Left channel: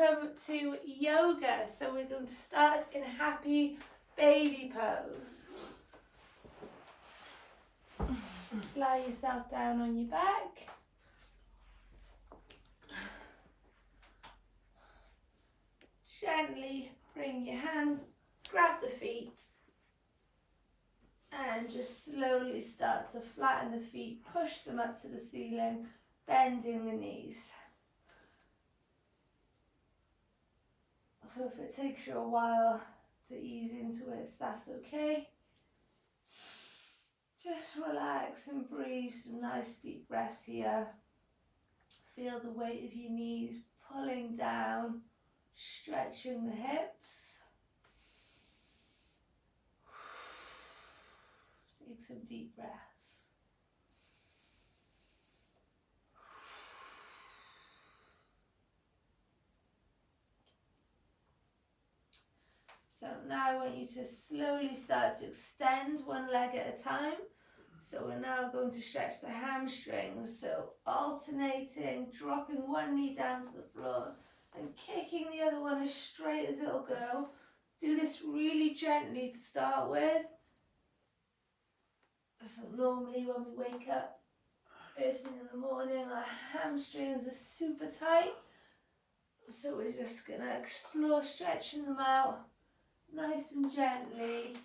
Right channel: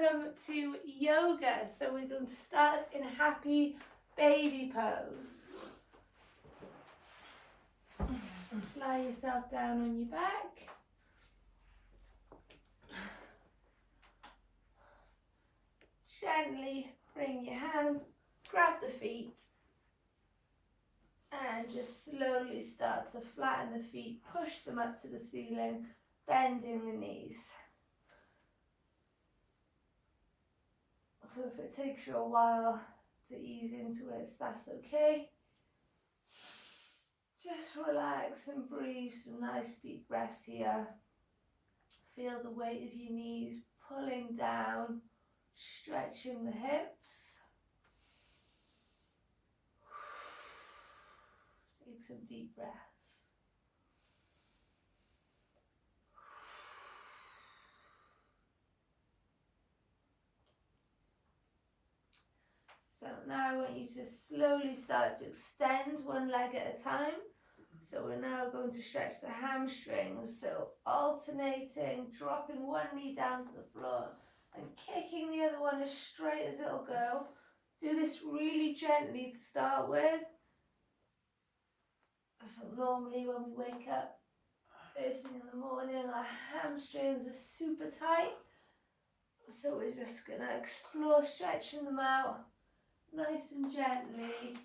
welcome to yoga. So we're going to start in a happy baby pose. Lie yourself down on your back. Gently bring your hands, grab the feet, and just slowly start to flatten the feet, push them up to the ceiling, bending the knees. So if it takes you a while to ease into it, that's okay. Just relax and breathe some nice deep breaths here. Feel the weight of your knees pulling down, stretching the hips. Take some deep breaths. So now I want you to slowly start to extend one leg at a time. So we're now going to stretch the hamstrings. So alternating, dropping one knee down to the floor and kicking the other one as straight as it'll go. Do this really gently to start with. So normally when we wake up first thing in the morning, our hamstrings are super tight. So we're just going to explore stretching them out nice and gently.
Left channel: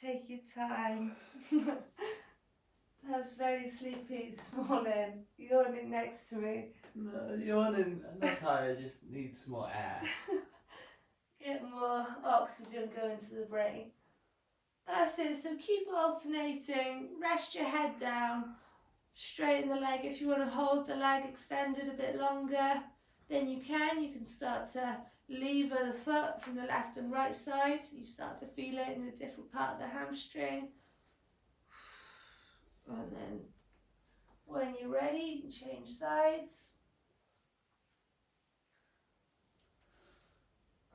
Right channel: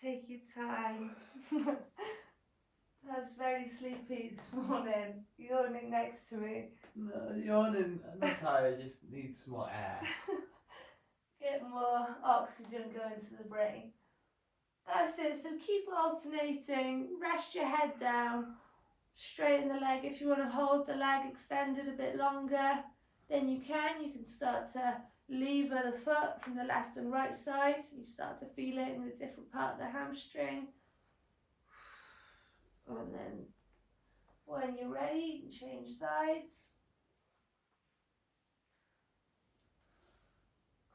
Take your time. I was very sleepy this morning, yawning next to me. No, yawning, I'm not tired, I just need some more air. Get more oxygen going to the brain. That's it, so keep alternating, rest your head down, straighten the leg. If you want to hold the leg extended a bit longer, then you can start to lever the foot from the left and right side. You start to feel it in a different part of the hamstring. And then when you're ready, you can change sides.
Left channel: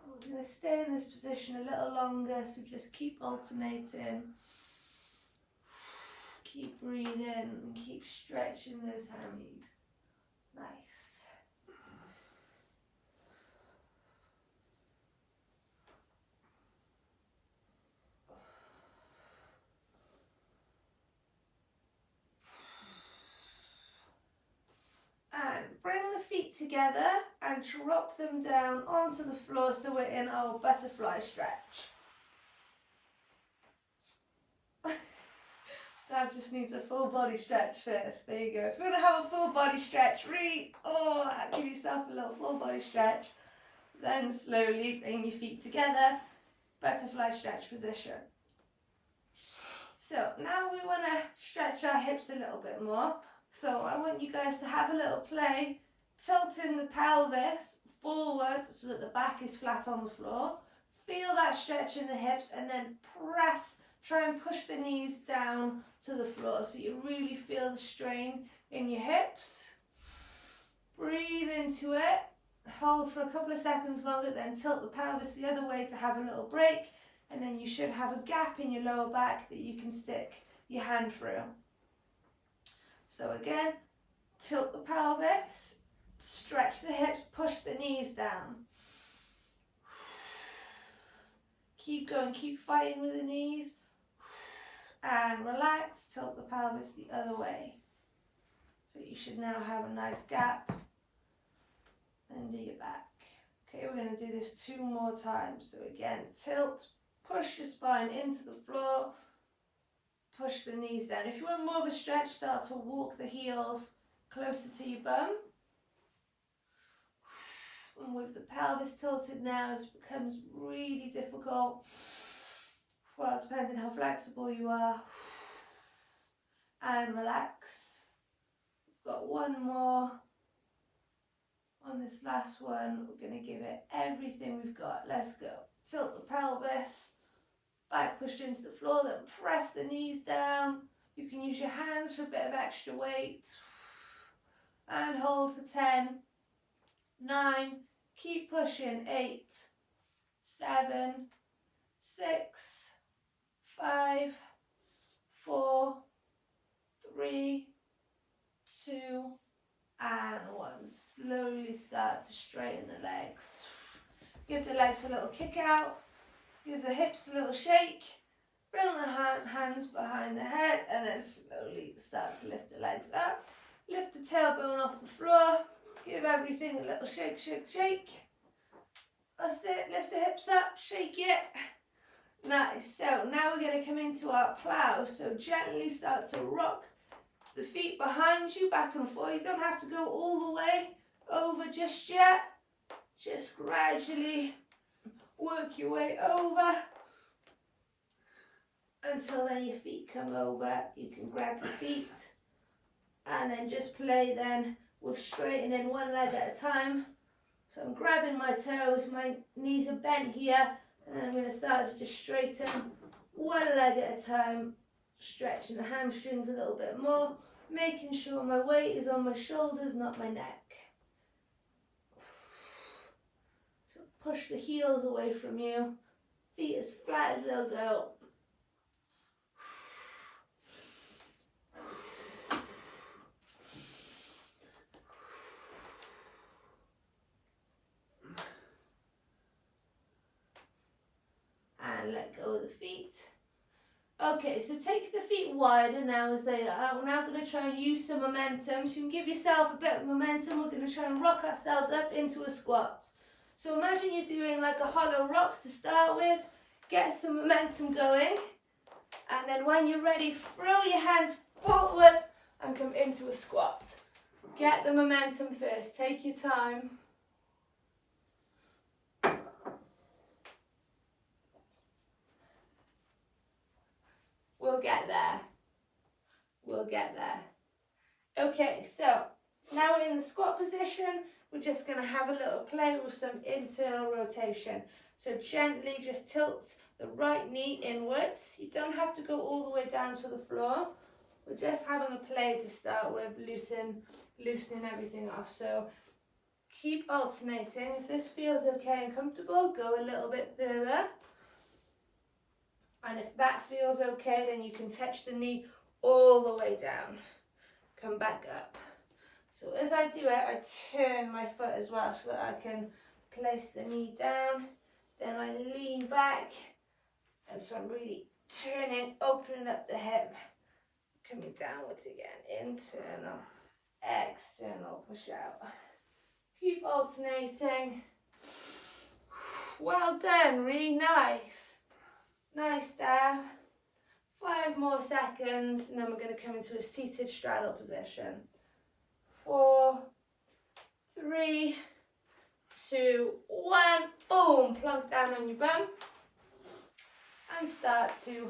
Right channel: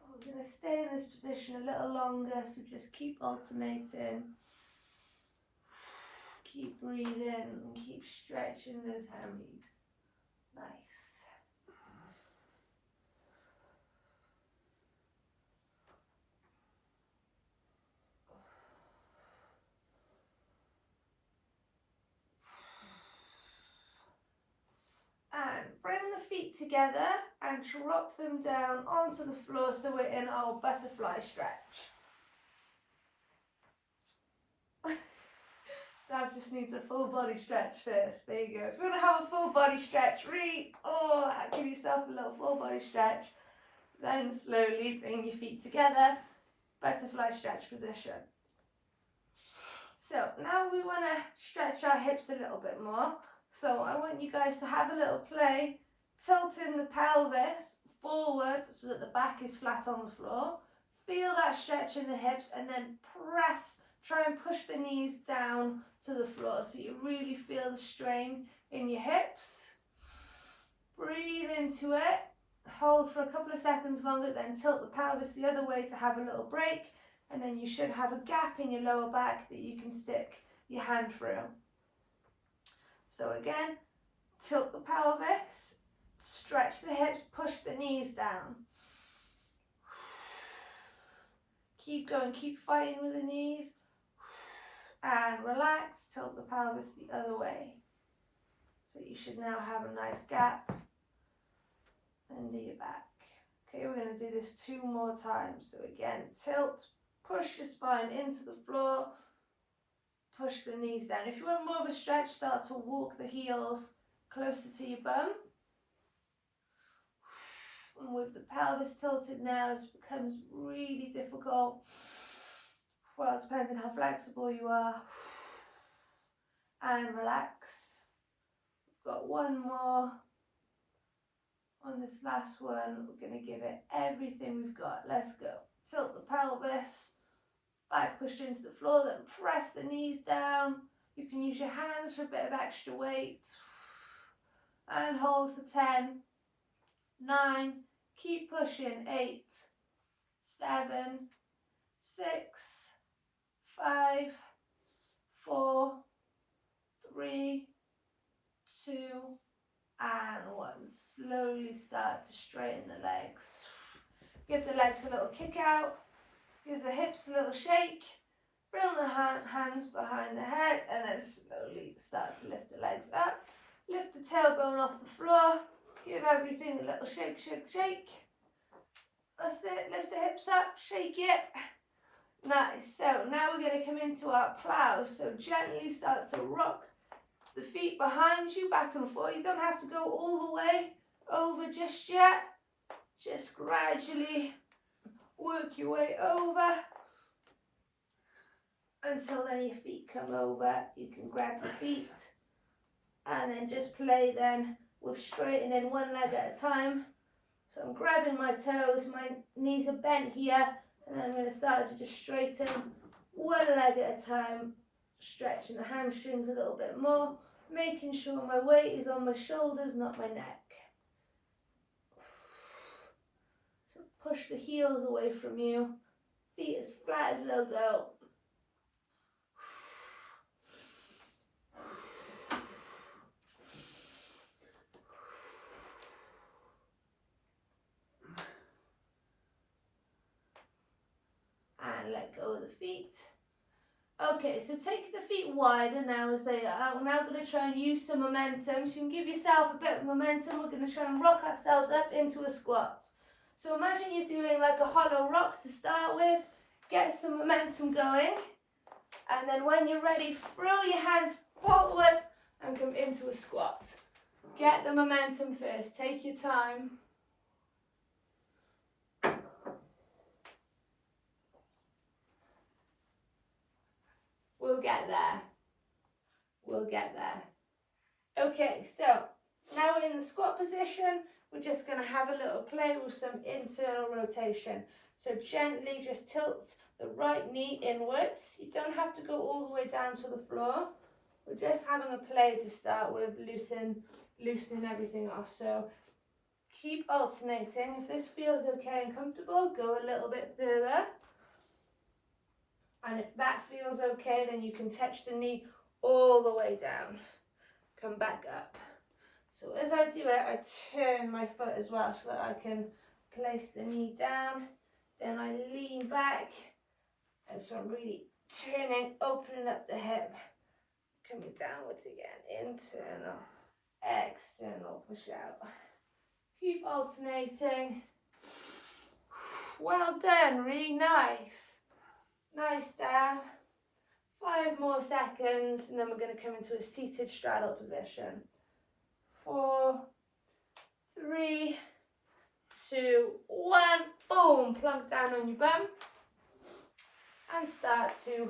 We're going to stay in this position a little longer, so just keep alternating. Keep breathing and keep stretching those hammies. Nice. And bring the feet together and drop them down onto the floor so we're in our butterfly stretch. That just needs a full body stretch first. There you go. If you want to have a full body stretch, give yourself a little full body stretch. Then slowly bring your feet together, butterfly stretch position. So now we want to stretch our hips a little bit more. So I want you guys to have a little play, tilting the pelvis forward so that the back is flat on the floor. Feel that stretch in the hips and then press, try and push the knees down to the floor so you really feel the strain in your hips. Breathe into it, hold for a couple of seconds longer, then tilt the pelvis the other way to have a little break, and then you should have a gap in your lower back that you can stick your hand through. So again, tilt the pelvis, stretch the hips, push the knees down. Keep going, keep fighting with the knees. And relax, tilt the pelvis the other way. So you should now have a nice gap under your back. Okay, we're going to do this 2 more times. So again, tilt, push your spine into the floor, push the knees down. If you want more of a stretch, start to walk the heels closer to your bum. And with the pelvis tilted now, it becomes really difficult. Well, it depends on how flexible you are. And relax. We've got one more. On this last one, we're going to give it everything we've got. Let's go. Tilt the pelvis. Back pushed into the floor, then press the knees down. You can use your hands for a bit of extra weight. And hold for 10, 9, keep pushing, 8, 7, 6, 5, 4, 3, 2, and 1. and slowly start to straighten the legs. Give the legs a little kick out, give the hips a little shake, bring the hands behind the head, and then slowly start to lift the legs up. Lift the tailbone off the floor, give everything a little shake, shake, shake. That's it, lift the hips up, shake it. Nice, so now we're going to come into our plow, so gently start to rock the feet behind you, back and forth. You don't have to go all the way over just yet. Just gradually work your way over until then your feet come over. You can grab your feet and then just play then with straightening one leg at a time. So I'm grabbing my toes, my knees are bent here, and then I'm going to start to just straighten one leg at a time, stretching the hamstrings a little bit more, making sure my weight is on my shoulders, not my neck. So push the heels away from you, feet as flat as they'll go. And let go of the feet. Okay, so take the feet wider now as they are. We're now going to try and use some momentum. So you can give yourself a bit of momentum. We're going to try and rock ourselves up into a squat. So imagine you're doing like a hollow rock to start with. Get some momentum going. And then when you're ready, throw your hands forward and come into a squat. Get the momentum first. Take your time. We'll get there. We'll get there. Okay, so now we're in the squat position. We're just going to have a little play with some internal rotation. So gently just tilt the right knee inwards. You don't have to go all the way down to the floor. We're just having a play to start with, loosening everything off. So keep alternating. If this feels okay and comfortable, go a little bit further. And if that feels okay, then you can touch the knee all the way down. Come back up. So as I do it, I turn my foot as well so that I can place the knee down. Then I lean back. And so I'm really turning, opening up the hip. Coming downwards again. Internal, external, push out. Keep alternating. Well done, really nice. Nice there. 5 more seconds, and then we're going to come into a seated straddle position. 4, 3, 2, 1. Boom. Plunk down on your bum. And start to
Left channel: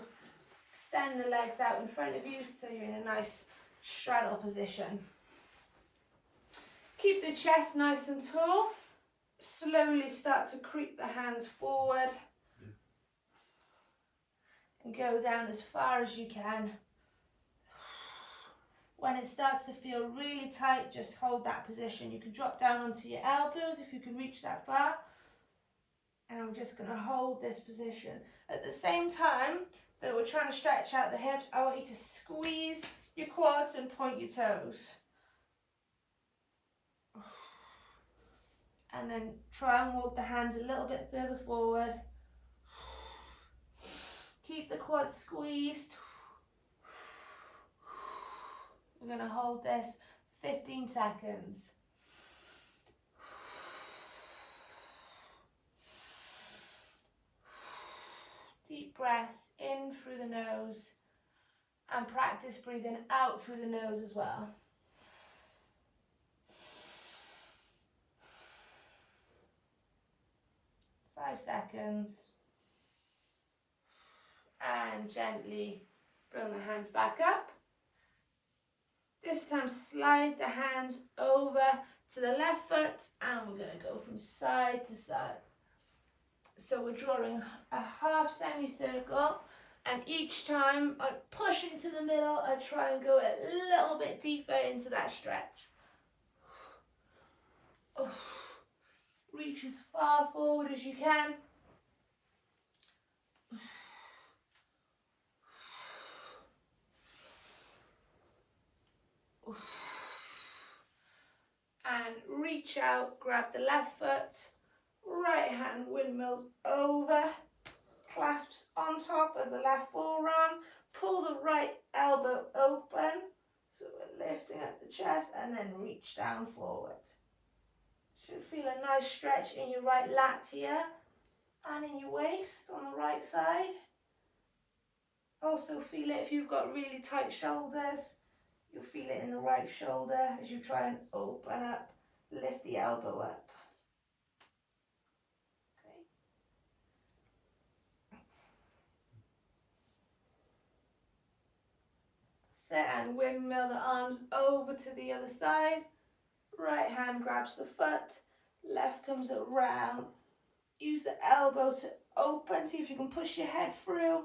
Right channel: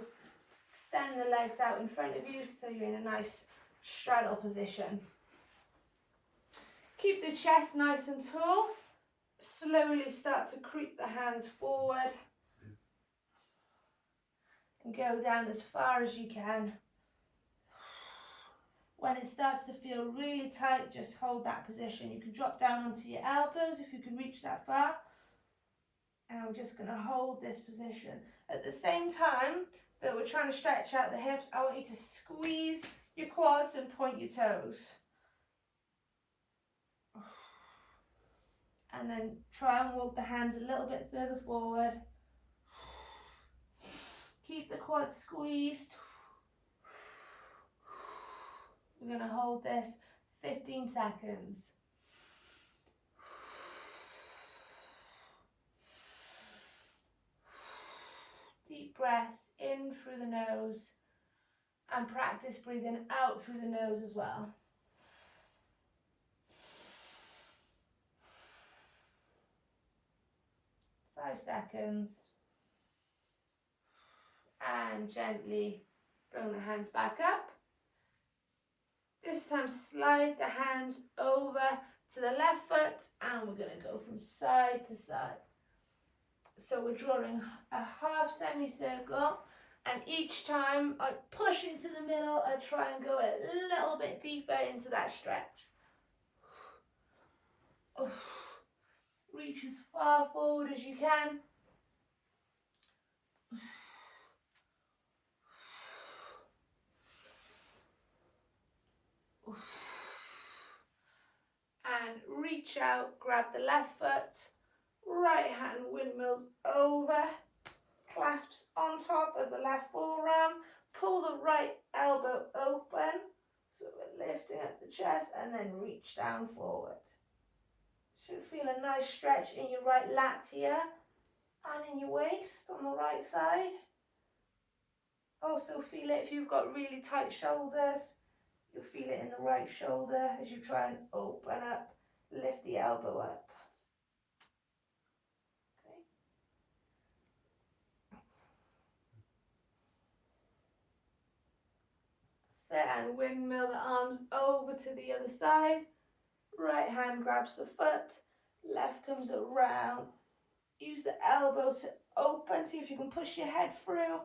extend the legs out in front of you so you're in a nice straddle position. Keep the chest nice and tall. Slowly start to creep the hands forward. And go down as far as you can. When it starts to feel really tight, just hold that position. You can drop down onto your elbows if you can reach that far. And I'm just going to hold this position. At the same time that we're trying to stretch out the hips, I want you to squeeze your quads and point your toes. And then try and walk the hands a little bit further forward. Keep the quads squeezed. We're going to hold this 15 seconds. Deep breaths in through the nose and practice breathing out through the nose as well. Five seconds. And gently bring the hands back up. This time slide the hands over to the left foot and we're going to go from side to side. So we're drawing a half semicircle, and each time I push into the middle, I try and go a little bit deeper into that stretch. Reach as far forward as you can. And reach out, grab the left foot, right hand windmills over, clasps on top of the left forearm, pull the right elbow open, so we're lifting up the chest, and then reach down forward. Should feel a nice stretch in your right lat here, and in your waist on the right side. Also feel it if you've got really tight shoulders. You'll feel it in the right shoulder as you try and open up, lift the elbow up. Okay. Set and windmill the arms over to the other side. Right hand grabs the foot, left comes around. Use the elbow to open, see if you can push your head through.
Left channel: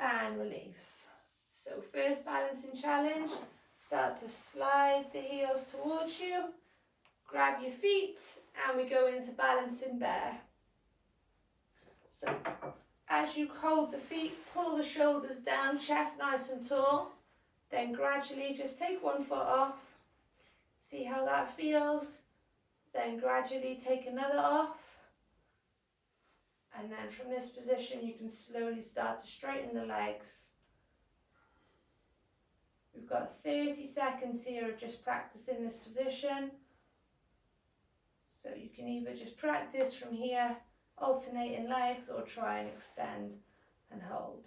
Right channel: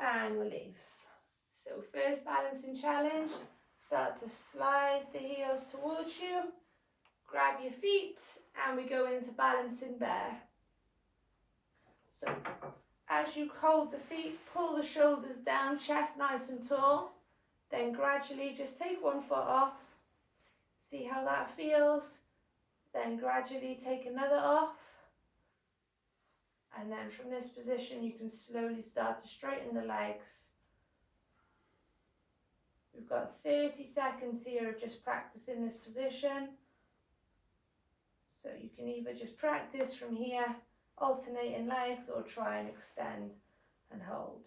And release. So first balancing challenge, start to slide the heels towards you, grab your feet, and we go into balancing bear. So as you hold the feet, pull the shoulders down, chest nice and tall, then gradually just take one foot off, see how that feels, then gradually take another off. And then from this position, you can slowly start to straighten the legs. We've got 30 seconds here of just practicing this position. So you can either just practice from here, alternating legs, or try and extend and hold.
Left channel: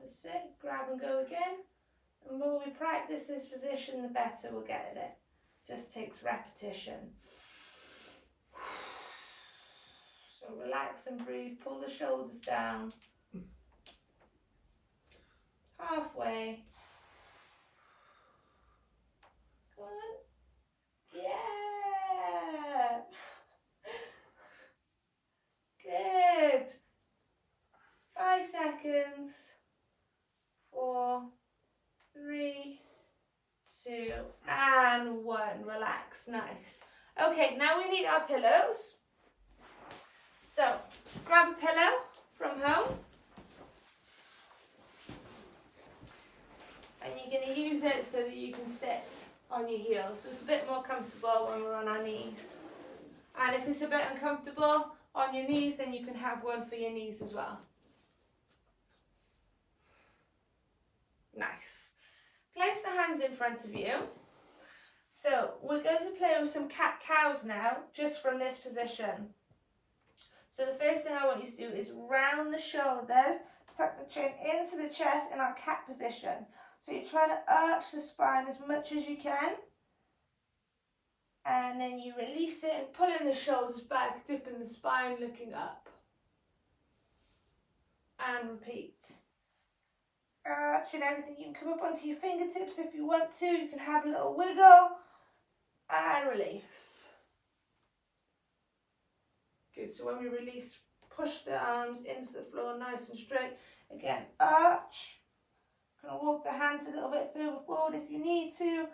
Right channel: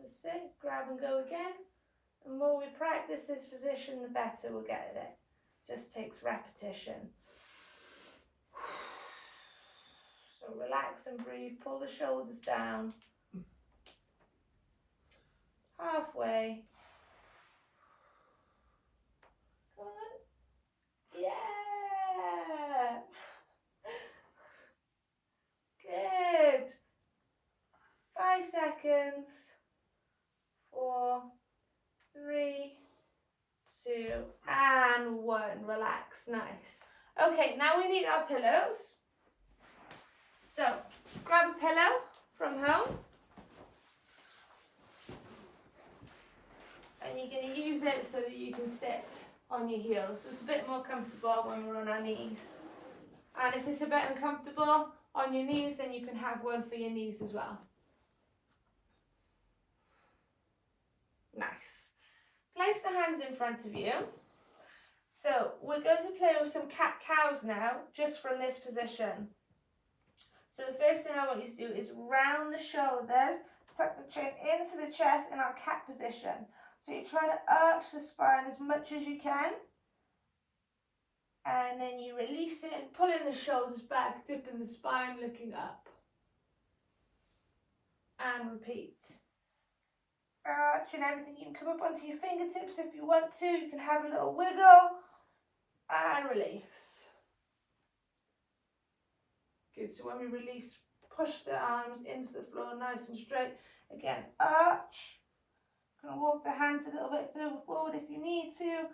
That's it, grab and go again. The more we practice this position, the better we'll get at it. Just takes repetition. So relax and breathe, pull the shoulders down. Halfway. Come on. Yeah. Good. 5 seconds. 4, 3, 2, and 1. Relax. Nice. Okay, now we need our pillows. So, grab a pillow from home. And you're going to use it so that you can sit on your heels. So it's a bit more comfortable when we're on our knees. And if it's a bit uncomfortable on your knees, then you can have one for your knees as well. Nice. Place the hands in front of you. So we're going to play with some cat-cows now, just from this position. So the first thing I want you to do is round the shoulders, tuck the chin into the chest in our cat position. So you're trying to arch the spine as much as you can. And then you release it and pulling the shoulders back, dipping the spine, looking up. And repeat. Arching everything. You can come up onto your fingertips if you want to. You can have a little wiggle. And release. Good, so when we release, push the arms into the floor nice and straight. Again, arch. Gonna walk the hands a little bit further forward if you need to.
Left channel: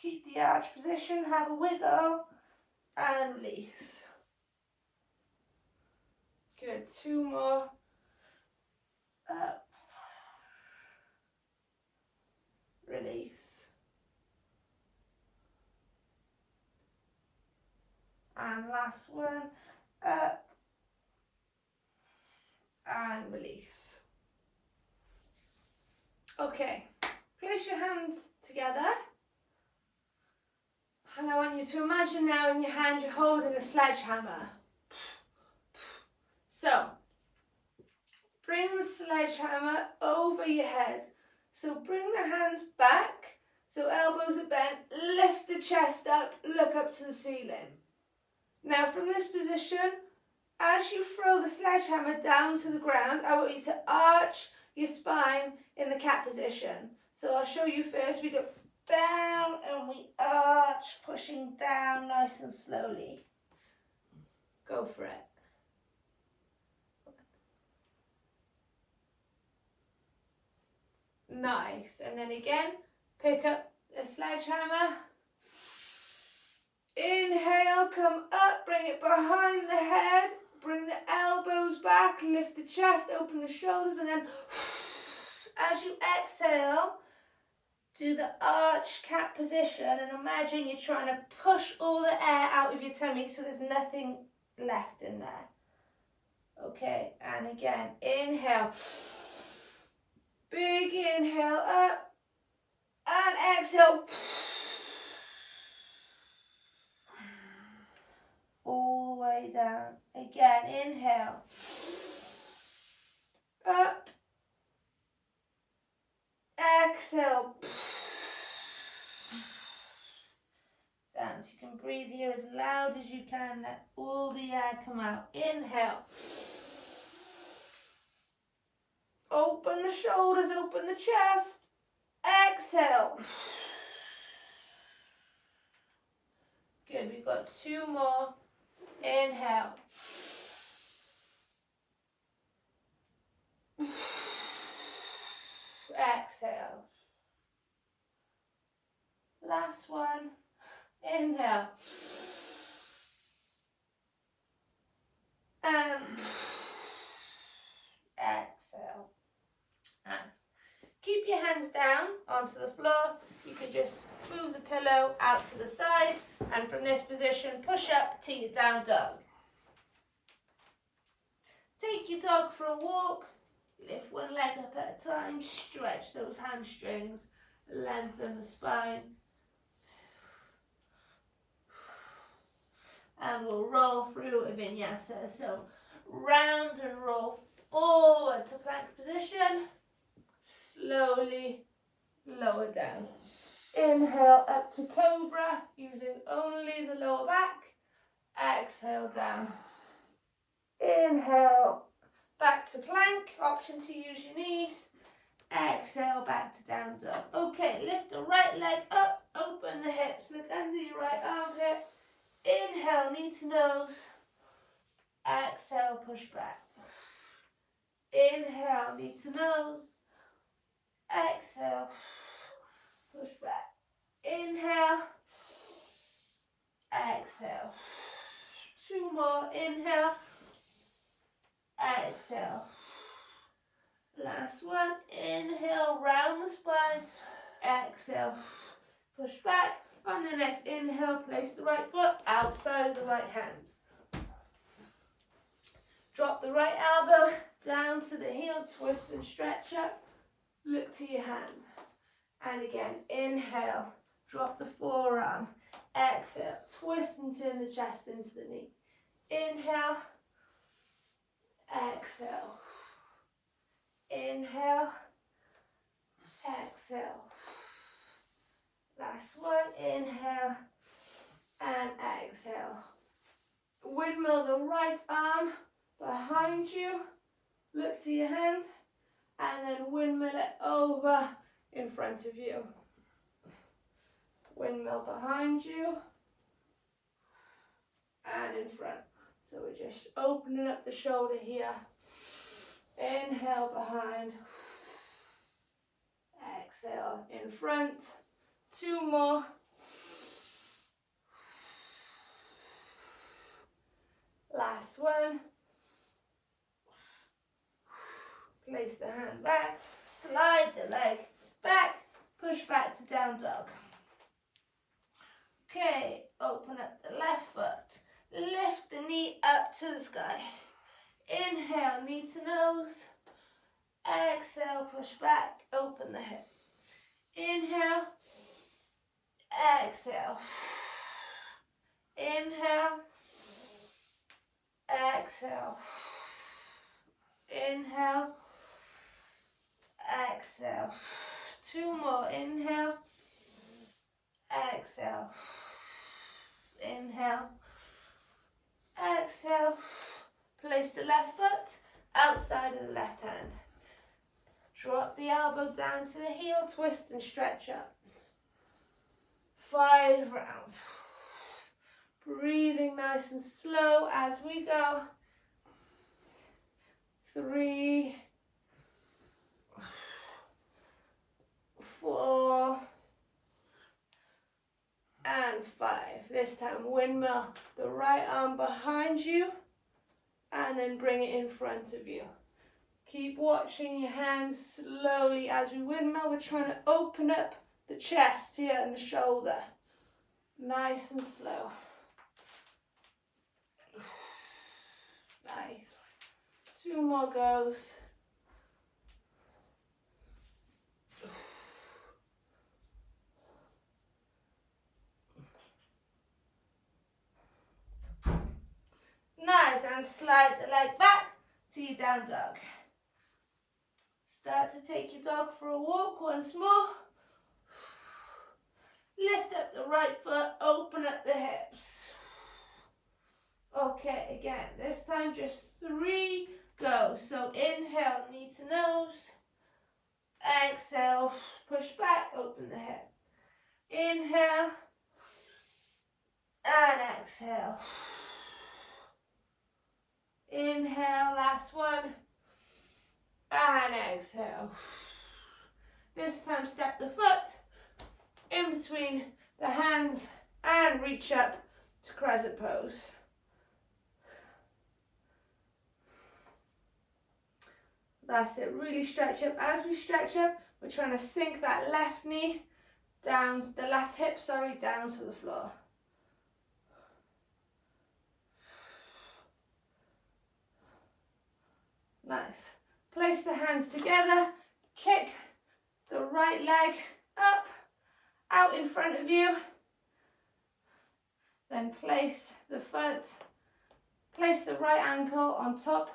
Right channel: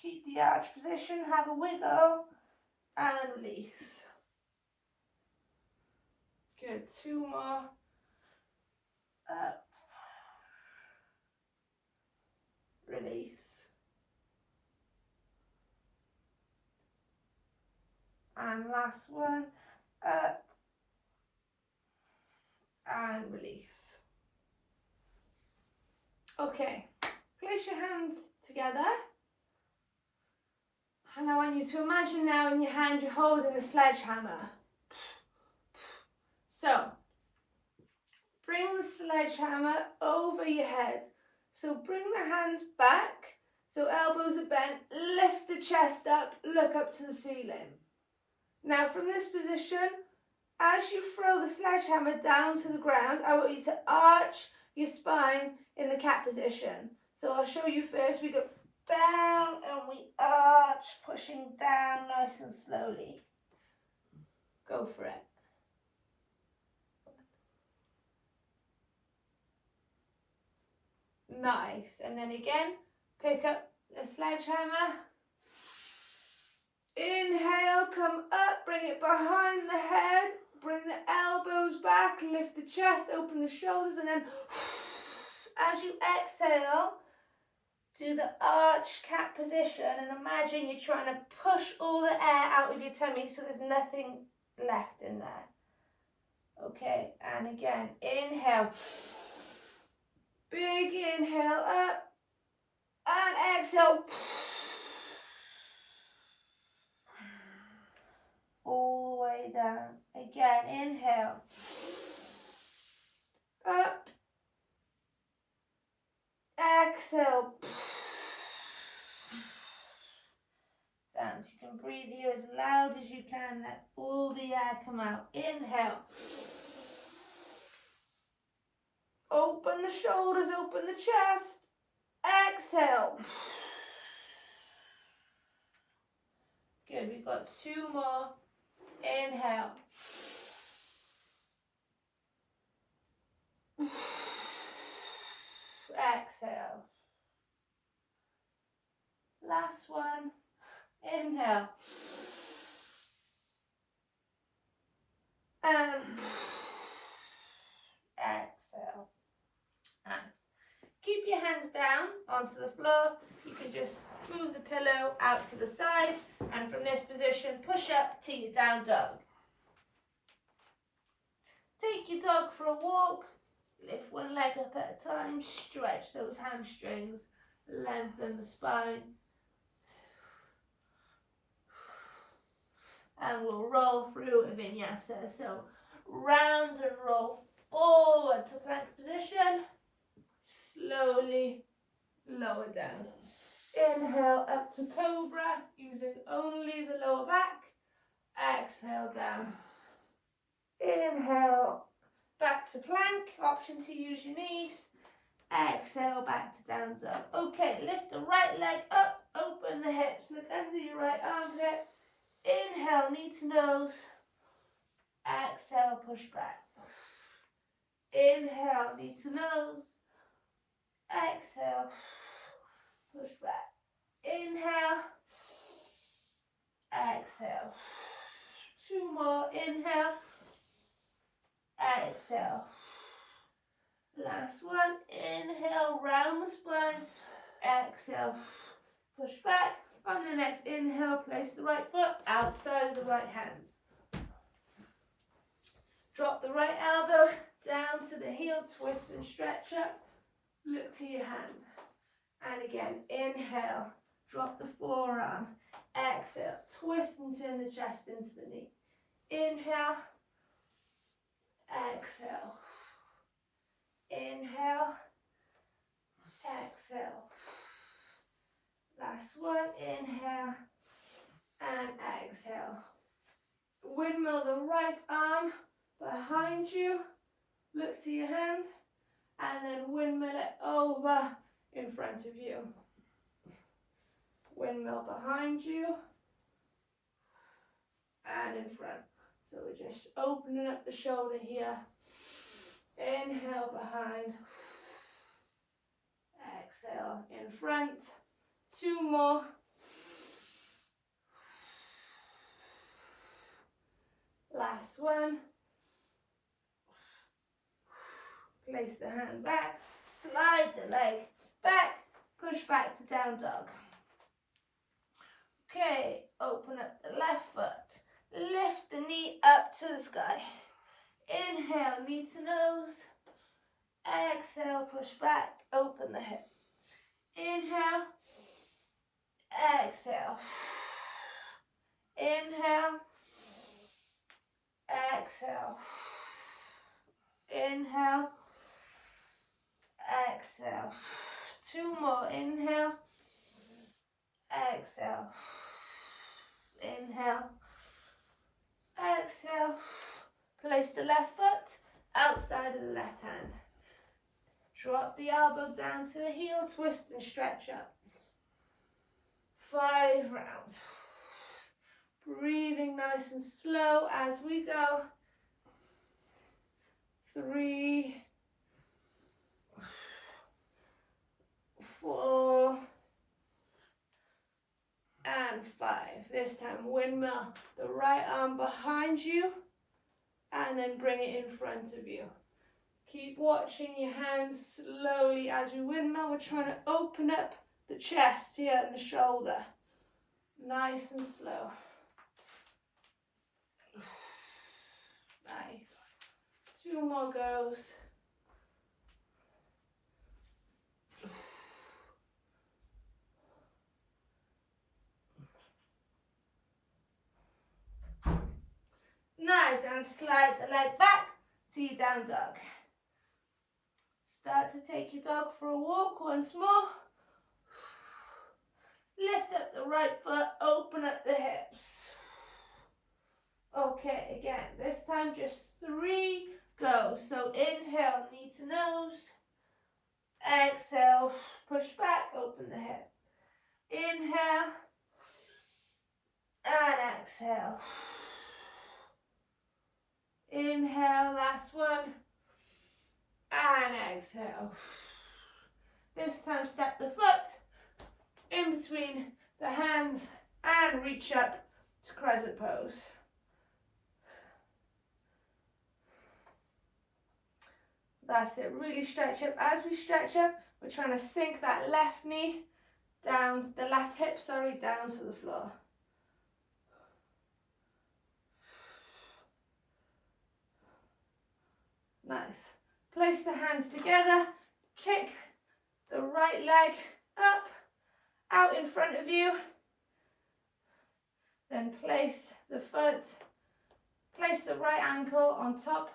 Keep the arch position, have a wiggle, and release. Good, 2 more. Up. Release. And last one. Up. And release. Okay, place your hands together. And I want you to imagine now in your hand you're holding a sledgehammer. So, bring the sledgehammer over your head. So bring the hands back, so elbows are bent, lift the chest up, look up to the ceiling. Now from this position, as you throw the sledgehammer down to the ground, I want you to arch your spine in the cat position. So I'll show you first. We go down and we arch, pushing down nice and slowly. Go for it. Nice. And then again, pick up a sledgehammer. Inhale, come up, bring it behind the head, bring the elbows back, lift the chest, open the shoulders, and then as you exhale, do the arch cat position and imagine you're trying to push all the air out of your tummy so there's nothing left in there. Okay, and again, inhale. Big inhale up and exhale. All the way down. Again, inhale. Up. Exhale. Sounds. You can breathe here as loud as you can. Let all the air come out. Inhale. Open the shoulders, open the chest. Exhale. Good, we've got 2 more. Inhale. Exhale. Last one. Inhale. And exhale. Nice. Keep your hands down onto the floor. You can just move the pillow out to the side, and from this position, push up to your down dog. Take your dog for a walk. Lift one leg up at a time. Stretch those hamstrings. Lengthen the spine. And we'll roll through a vinyasa. So round and roll forward to plank position. Slowly lower down. Inhale up to cobra, using only the lower back. Exhale down. Inhale back to plank, option to use your knees. Exhale back to down dog. Okay, lift the right leg up, open the hips, look under your right armpit. Inhale, knee to nose. Exhale, push back. Inhale, knee to nose. Exhale, push back. Inhale. Exhale. 2 more. Inhale. Exhale. Last one. Inhale, round the spine. Exhale, push back. On the next inhale, place the right foot outside of the right hand. Drop the right elbow down to the heel, twist and stretch up. Look to your hand. And again, inhale, drop the forearm. Exhale, twist and turn the chest into the knee. Inhale, exhale. Inhale, exhale. Last one, inhale and exhale. Windmill the right arm behind you. Look to your hand. And then windmill it over in front of you. Windmill behind you and in front. So we're just opening up the shoulder here. Inhale behind. Exhale in front. 2 more. Last one. Place the hand back, slide the leg back, push back to down dog. Okay, open up the left foot, lift the knee up to the sky. Inhale, knee to nose. Exhale, push back, open the hip. Inhale, exhale. Inhale, exhale. Inhale, exhale. 2 more. Inhale, exhale. Inhale, exhale. Place the left foot outside of the left hand. Drop the elbow down to the heel, twist and stretch up. 5 rounds. Breathing nice and slow as we go. 3, 4, and 5. This time windmill the right arm behind you and then bring it in front of you. Keep watching your hands slowly as we windmill. We're trying to open up the chest here and the shoulder. Nice and slow. Nice. 2 more goes. Nice, and slide the leg back to your down dog. Start to take your dog for a walk once more. Lift up the right foot, open up the hips. Okay, again, this time just 3 goes. So inhale, knee to nose. Exhale, push back, open the hip. Inhale, and exhale. Inhale, last one, and exhale. This time step the foot in between the hands and reach up to crescent pose. That's it, really stretch up. As we stretch up, we're trying to sink that left knee down, the left hip, sorry, down to the floor. Nice. Place the hands together, kick the right leg up, out in front of you. Then place the foot, place the right ankle on top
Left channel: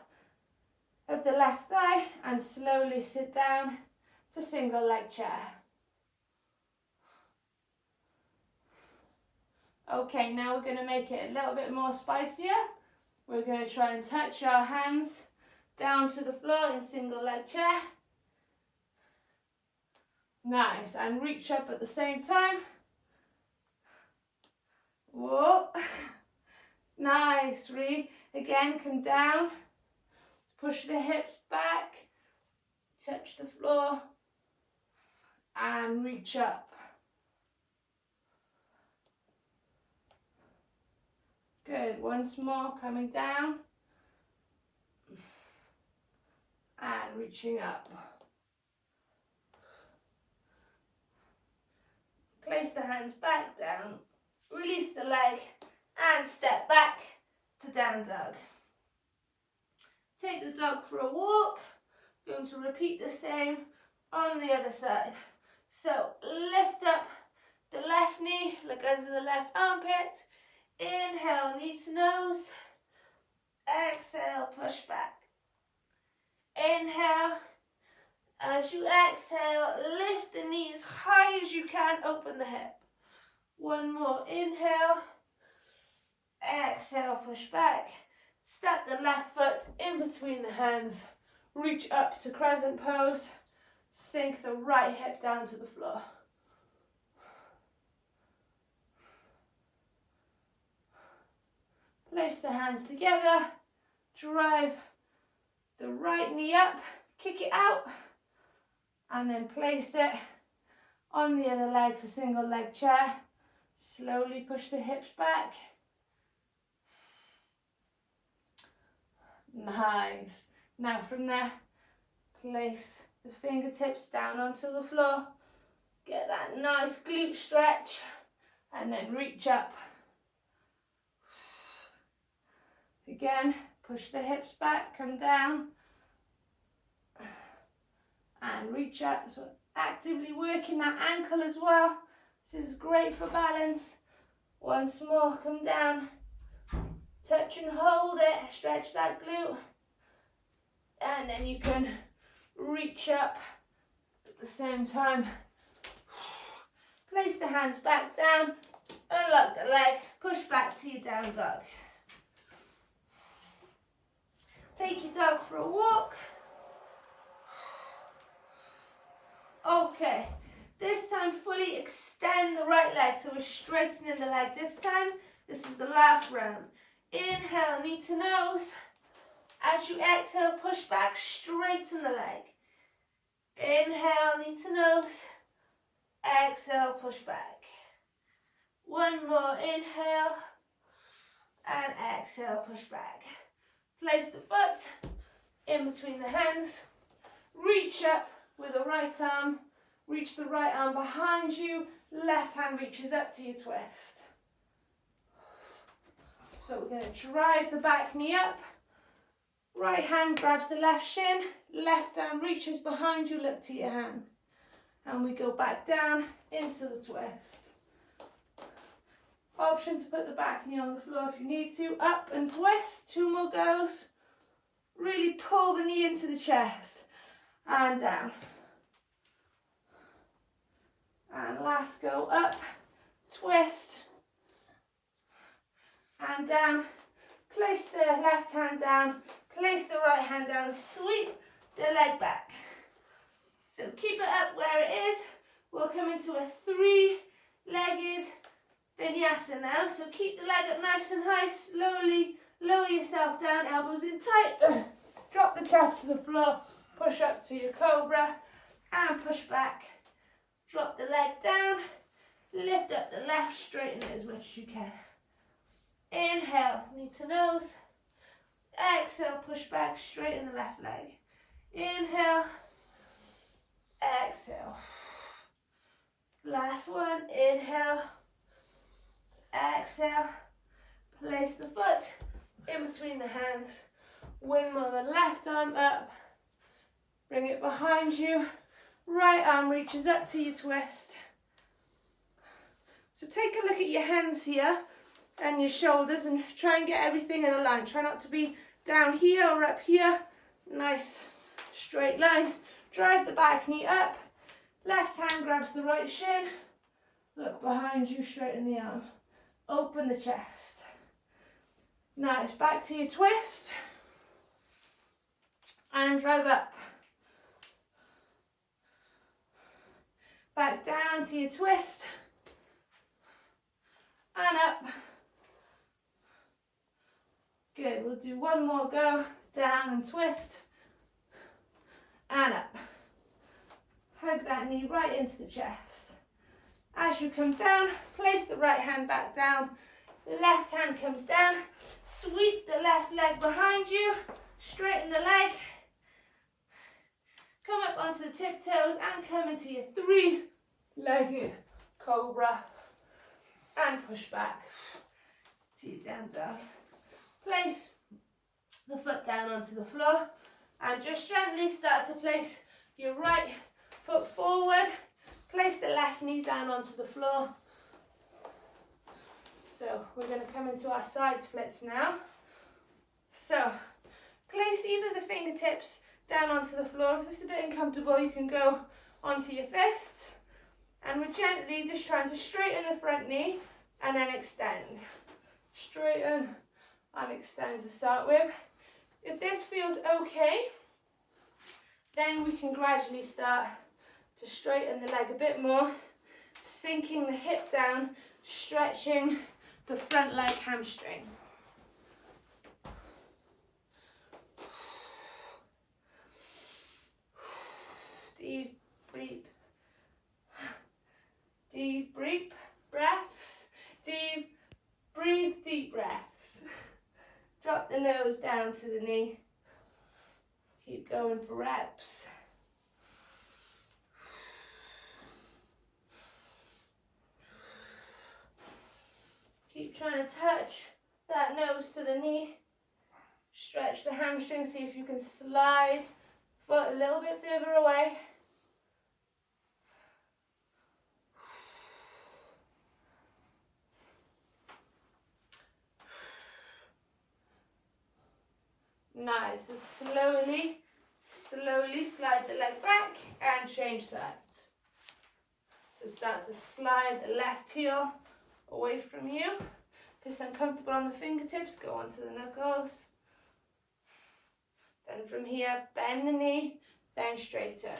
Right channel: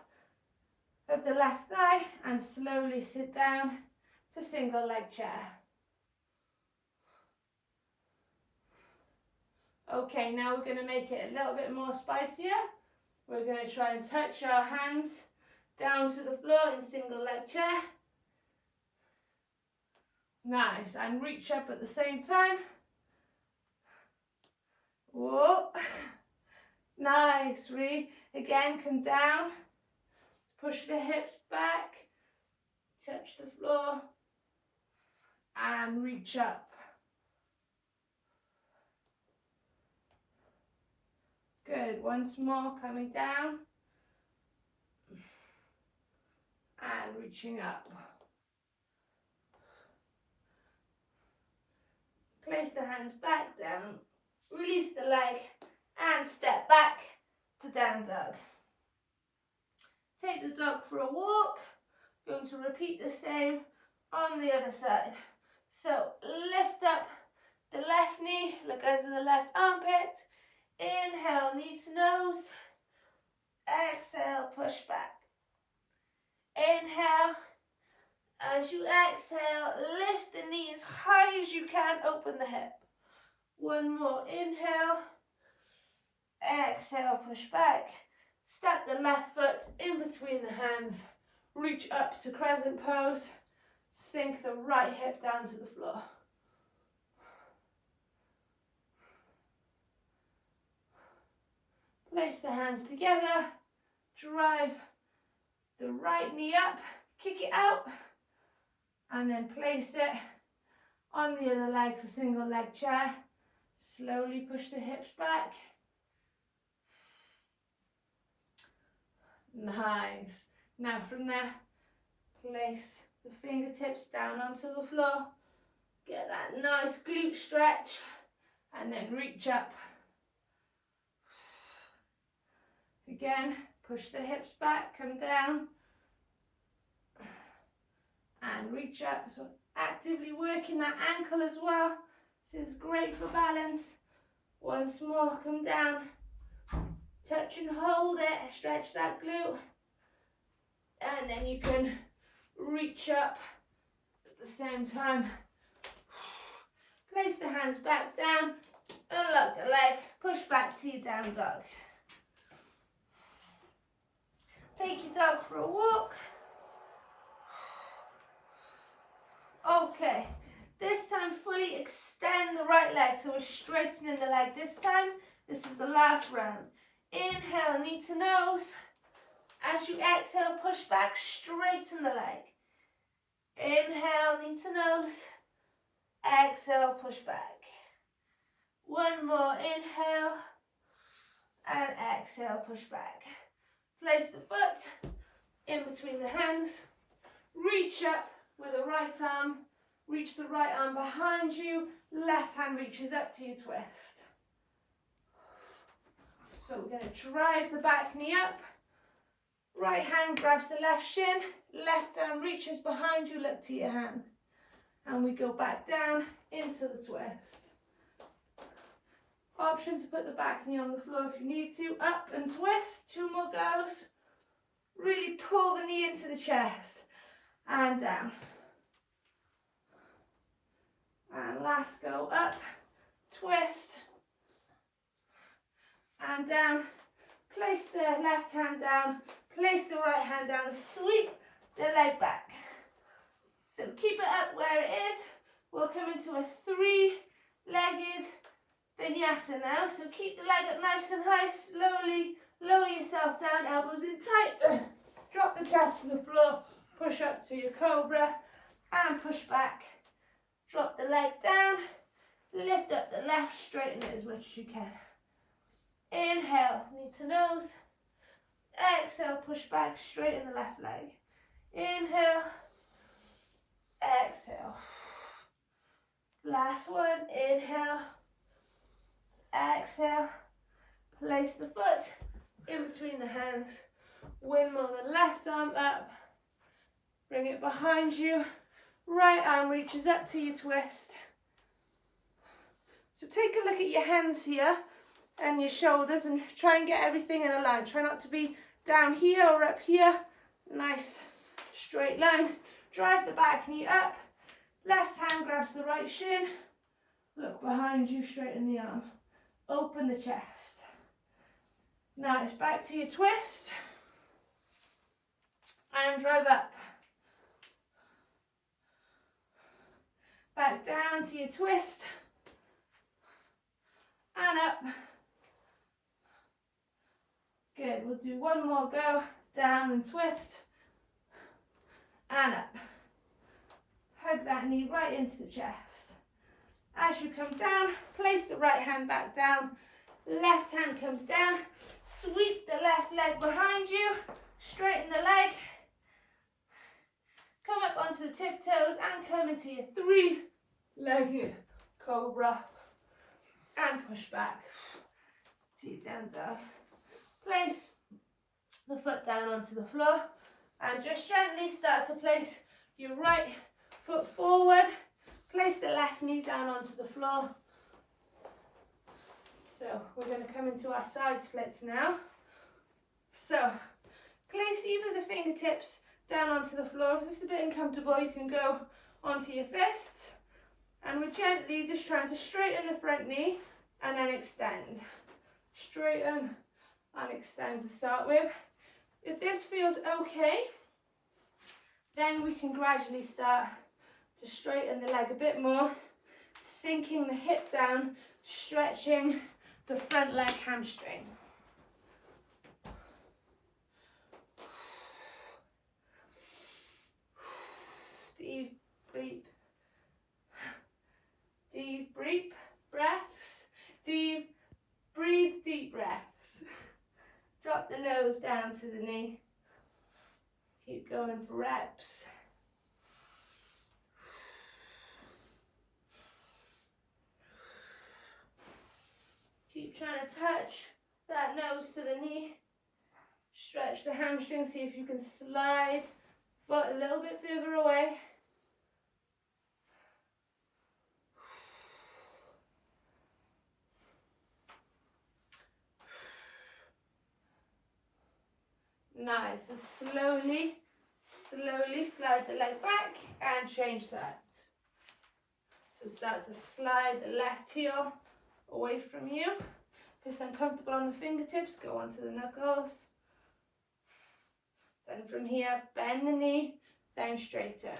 of the left thigh and slowly sit down to single leg chair. Okay, now we're going to make it a little bit more spicier. We're going to try and touch our hands down to the floor in single leg chair. Nice, and reach up at the same time. Whoa. Nice, again, come down. Push the hips back, touch the floor, and reach up. Good, once more, coming down, and reaching up. Place the hands back down, release the leg, and step back to down dog. Take the dog for a walk. Going to repeat the same on the other side. So lift up the left knee, look under the left armpit. Inhale, knee to nose. Exhale, push back. Inhale. As you exhale, lift the knee as high as you can, open the hip. One more, inhale. Exhale, push back. Step the left foot in between the hands, reach up to crescent pose, sink the right hip down to the floor. Place the hands together, drive the right knee up, kick it out, and then place it on the other leg for single leg chair. Slowly push the hips back. Nice. Now from there, place the fingertips down onto the floor. Get that nice glute stretch and then reach up. Again, push the hips back, come down and reach up. So actively working that ankle as well. This is great for balance. Once more, come down. Touch and hold it, stretch that glute, and then you can reach up at the same time. Place the hands back down, unlock the leg, push back to your down dog. Take your dog for a walk. Okay, this time fully extend the right leg, so we're straightening the leg this time. This is the last round. Inhale, knee to nose. As you exhale, push back, straighten the leg. Inhale, knee to nose. exhale, push back. One more, inhale, and exhale, push back. Place the foot in between the hands, reach up with the right arm, reach the right arm behind you, left hand reaches up to your twist. So we're going to drive the back knee up, right hand grabs the left shin, left hand reaches behind you, look to your hand. And we go back down into the twist. Option to put the back knee on the floor if you need to, up and twist, 2 more goes. Really pull the knee into the chest and down. And last go, up, twist, and down. Place the left hand down, place the right hand down, sweep the leg back. So keep it up where it is. We'll come into a 3-legged vinyasa now. So keep the leg up nice and high, slowly lower yourself down, elbows in tight. Drop the chest to the floor, push up to your cobra and push back. Drop the leg down, lift up the left, straighten it as much as you can. Inhale, knee to nose. Exhale, push back, straighten the left leg. Inhale, exhale. Last one, inhale, exhale. Place the foot in between the hands. One more, the left arm up. Bring it behind you. Right arm reaches up to your twist. So take a look at your hands here and your shoulders and try and get everything in a line. Try not to be down here or up here. Nice straight line. Drive the back knee up. Left hand grabs the right shin. Look behind you, straighten the arm. Open the chest. Nice, back to your twist. And drive up. Back down to your twist. And up. Good, we'll do one more go. Down and twist. And up. Hug that knee right into the chest. As you come down, place the right hand back down. Left hand comes down. Sweep the left leg behind you. Straighten the leg. Come up onto the tiptoes and come into your 3-legged cobra. And push back to your down dog. Place the foot down onto the floor and just gently start to place your right foot forward. Place the left knee down onto the floor. So we're going to come into our side splits now. So place either the fingertips down onto the floor. If it's a bit uncomfortable, you can go onto your fists. And we're gently just trying to straighten the front knee and then extend. Straighten and extend to start with. If this feels okay, then we can gradually start to straighten the leg a bit more, sinking the hip down, stretching the front leg hamstring. Deep breath. Deep breath. Breaths. Deep breathe. Deep breaths. Drop the nose down to the knee. Keep going for reps. Keep trying to touch that nose to the knee. Stretch the hamstring, see if you can slide foot a little bit further away. Nice, and slowly slide the leg back and change sides. So start to slide the left heel away from you. If it's uncomfortable on the fingertips, go onto the knuckles. Then from here, bend the knee, then straighten.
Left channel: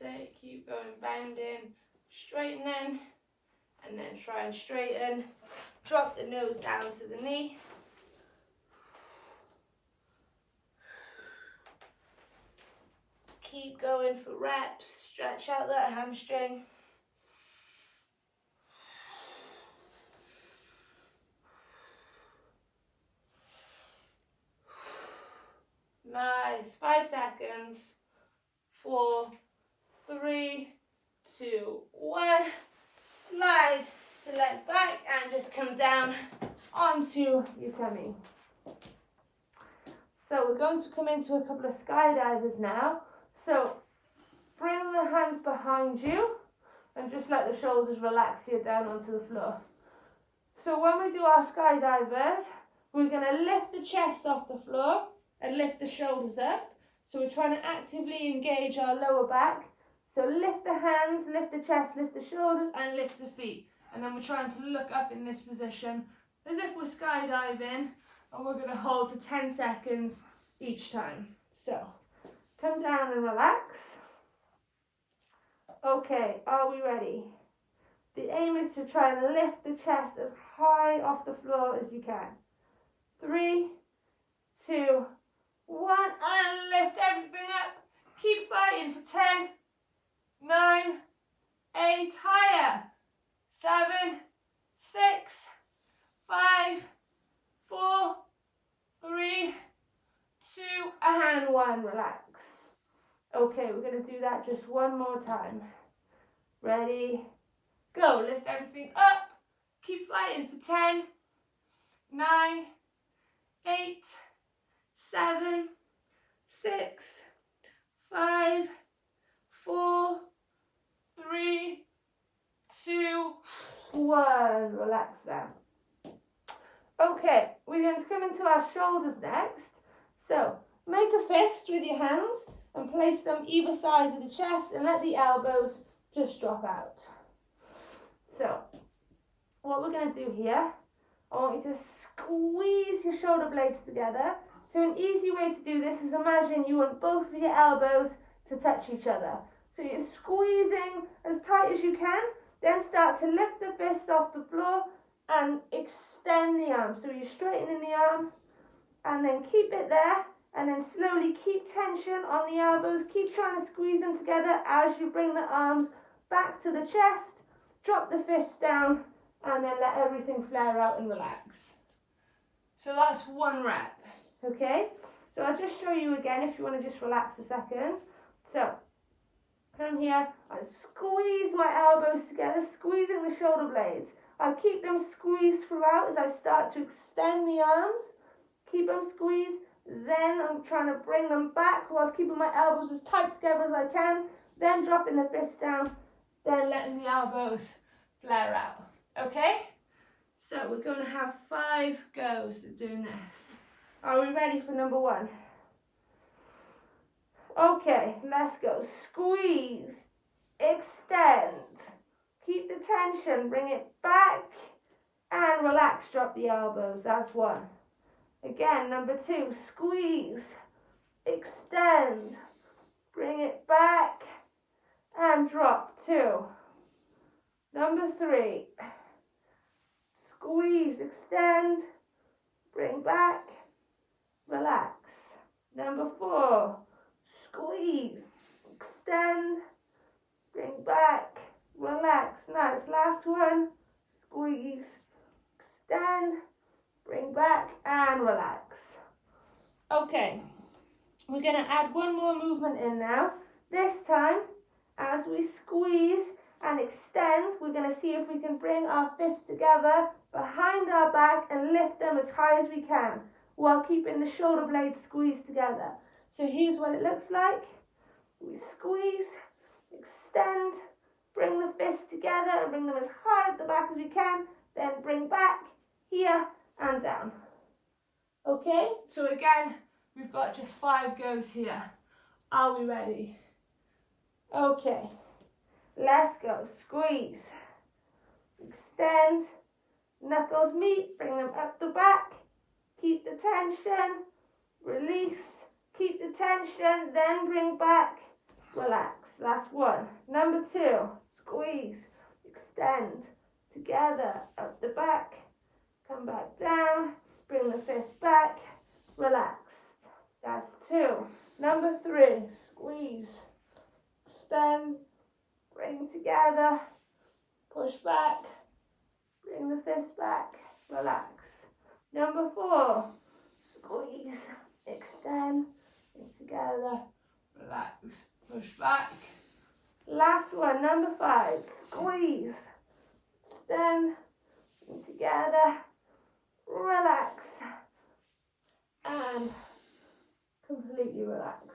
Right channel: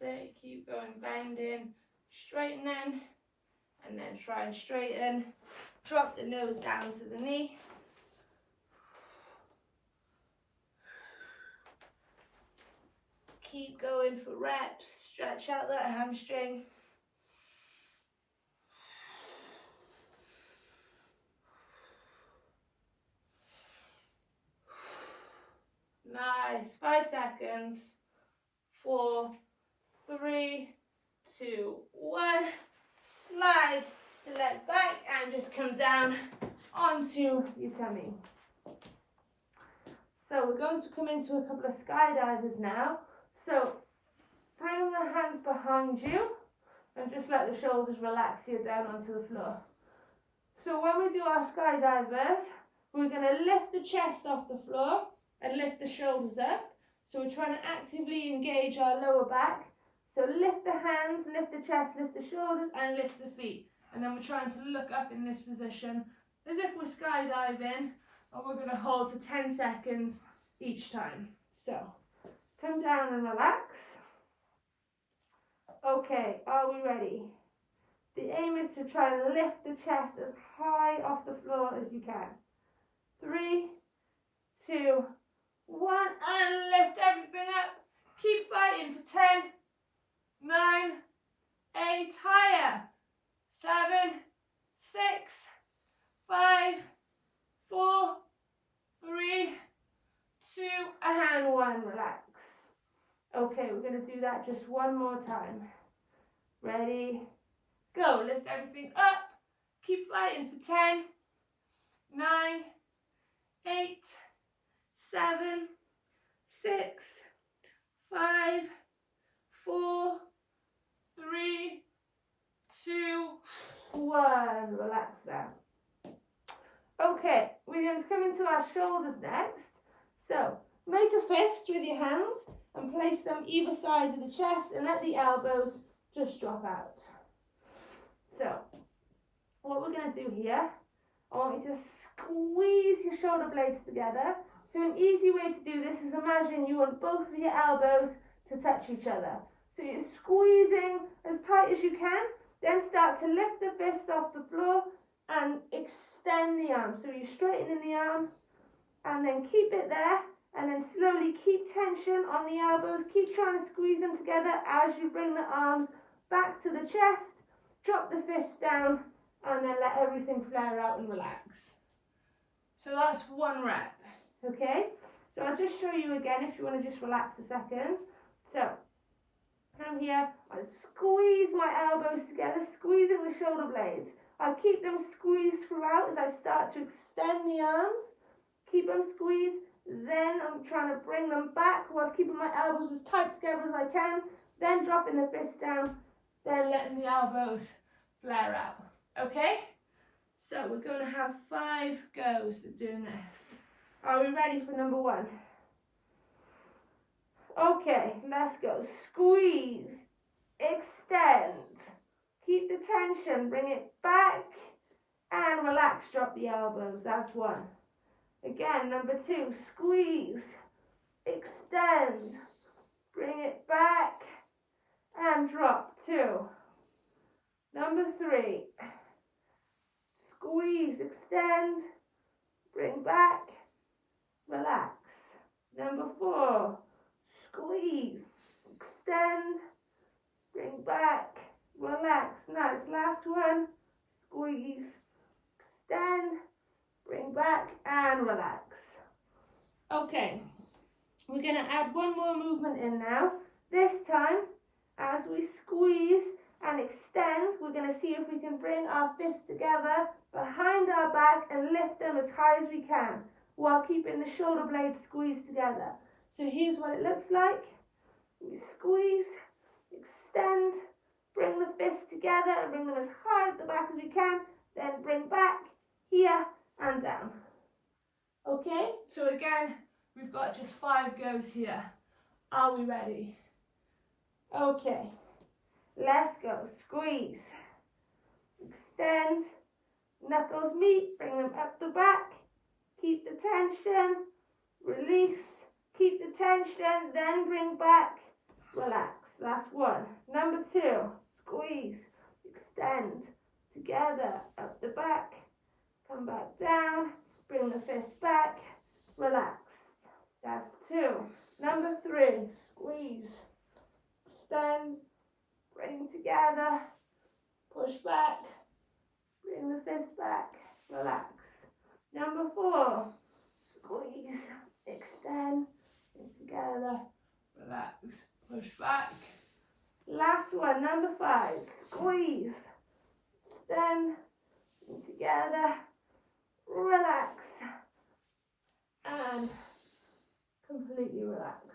That's it. Keep going, bending, straightening, and then try and straighten. Drop the nose down to the knee. Keep going for reps. Stretch out that hamstring. Nice. 5 seconds. 4, 3, 2, 1. Slide the leg back and just come down onto your tummy. So we're going to come into a couple of skydivers now. So bring the hands behind you and just let the shoulders relax here down onto the floor. So when we do our skydivers, we're going to lift the chest off the floor and lift the shoulders up. So we're trying to actively engage our lower back. So lift the hands, lift the chest, lift the shoulders, and lift the feet. And then we're trying to look up in this position as if we're skydiving, and we're going to hold for 10 seconds each time. So come down and relax. Okay, are we ready? The aim is to try and lift the chest as high off the floor as you can. 3, 2, 1, and lift everything up. Keep fighting for 10, 9, 8, higher. 7, 6, 5, 4, 3, 2, and 1. Relax. Okay, we're going to do that just one more time. Ready? Go. Lift everything up. Keep fighting for 10, 9, 8, 7, 6, 5, 4, 3, 2, 1. Relax now. Okay, we're going to come into our shoulders next. So make a fist with your hands and place them either side of the chest and let the elbows just drop out. So what we're going to do here, I want you to squeeze your shoulder blades together. So an easy way to do this is imagine you want both of your elbows to touch each other. So you're squeezing as tight as you can, then start to lift the fist off the floor and extend the arm. So you're straightening the arm and then keep it there, and then slowly keep tension on the elbows. Keep trying to squeeze them together as you bring the arms back to the chest. Drop the fists down and then let everything flare out and relax. So that's one rep, okay? So I'll just show you again if you want to just relax a second. So come here, I squeeze my elbows together, squeezing the shoulder blades. I keep them squeezed throughout as I start to extend the arms. Keep them squeezed. Then I'm trying to bring them back whilst keeping my elbows as tight together as I can. Then dropping the fists down. Then letting the elbows flare out. Okay? So we're going to have 5 goes at doing this. Are we ready for number 1? Okay, let's go. Squeeze. Extend. Keep the tension. Bring it back. And relax. Drop the elbows. That's 1. Again, number 2, squeeze, extend, bring it back, and drop. 2. Number 3, squeeze, extend, bring back, relax. Number 4, squeeze, extend, bring back, relax. Nice. Last one, squeeze, extend, bring back and relax. Okay, we're going to add one more movement in now. This time, as we squeeze and extend, we're going to see if we can bring our fists together behind our back and lift them as high as we can while keeping the shoulder blades squeezed together. So here's what it looks like. We squeeze, extend, bring the fists together and bring them as high at the back as we can, then bring back here and down. Okay, so again, we've got just 5 goes here. Are we ready? Okay, let's go. Squeeze, extend, knuckles meet, bring them up the back, keep the tension, release, keep the tension, then bring back, relax. That's one. Number two, squeeze, extend, together, up the back, come back down, bring the fist back, relax. That's two. Number three, squeeze, extend, bring together, push back, bring the fist back, relax. Number four, squeeze, extend, bring together, relax, push back. Last one, number five, squeeze, extend, bring together, relax, and completely relax.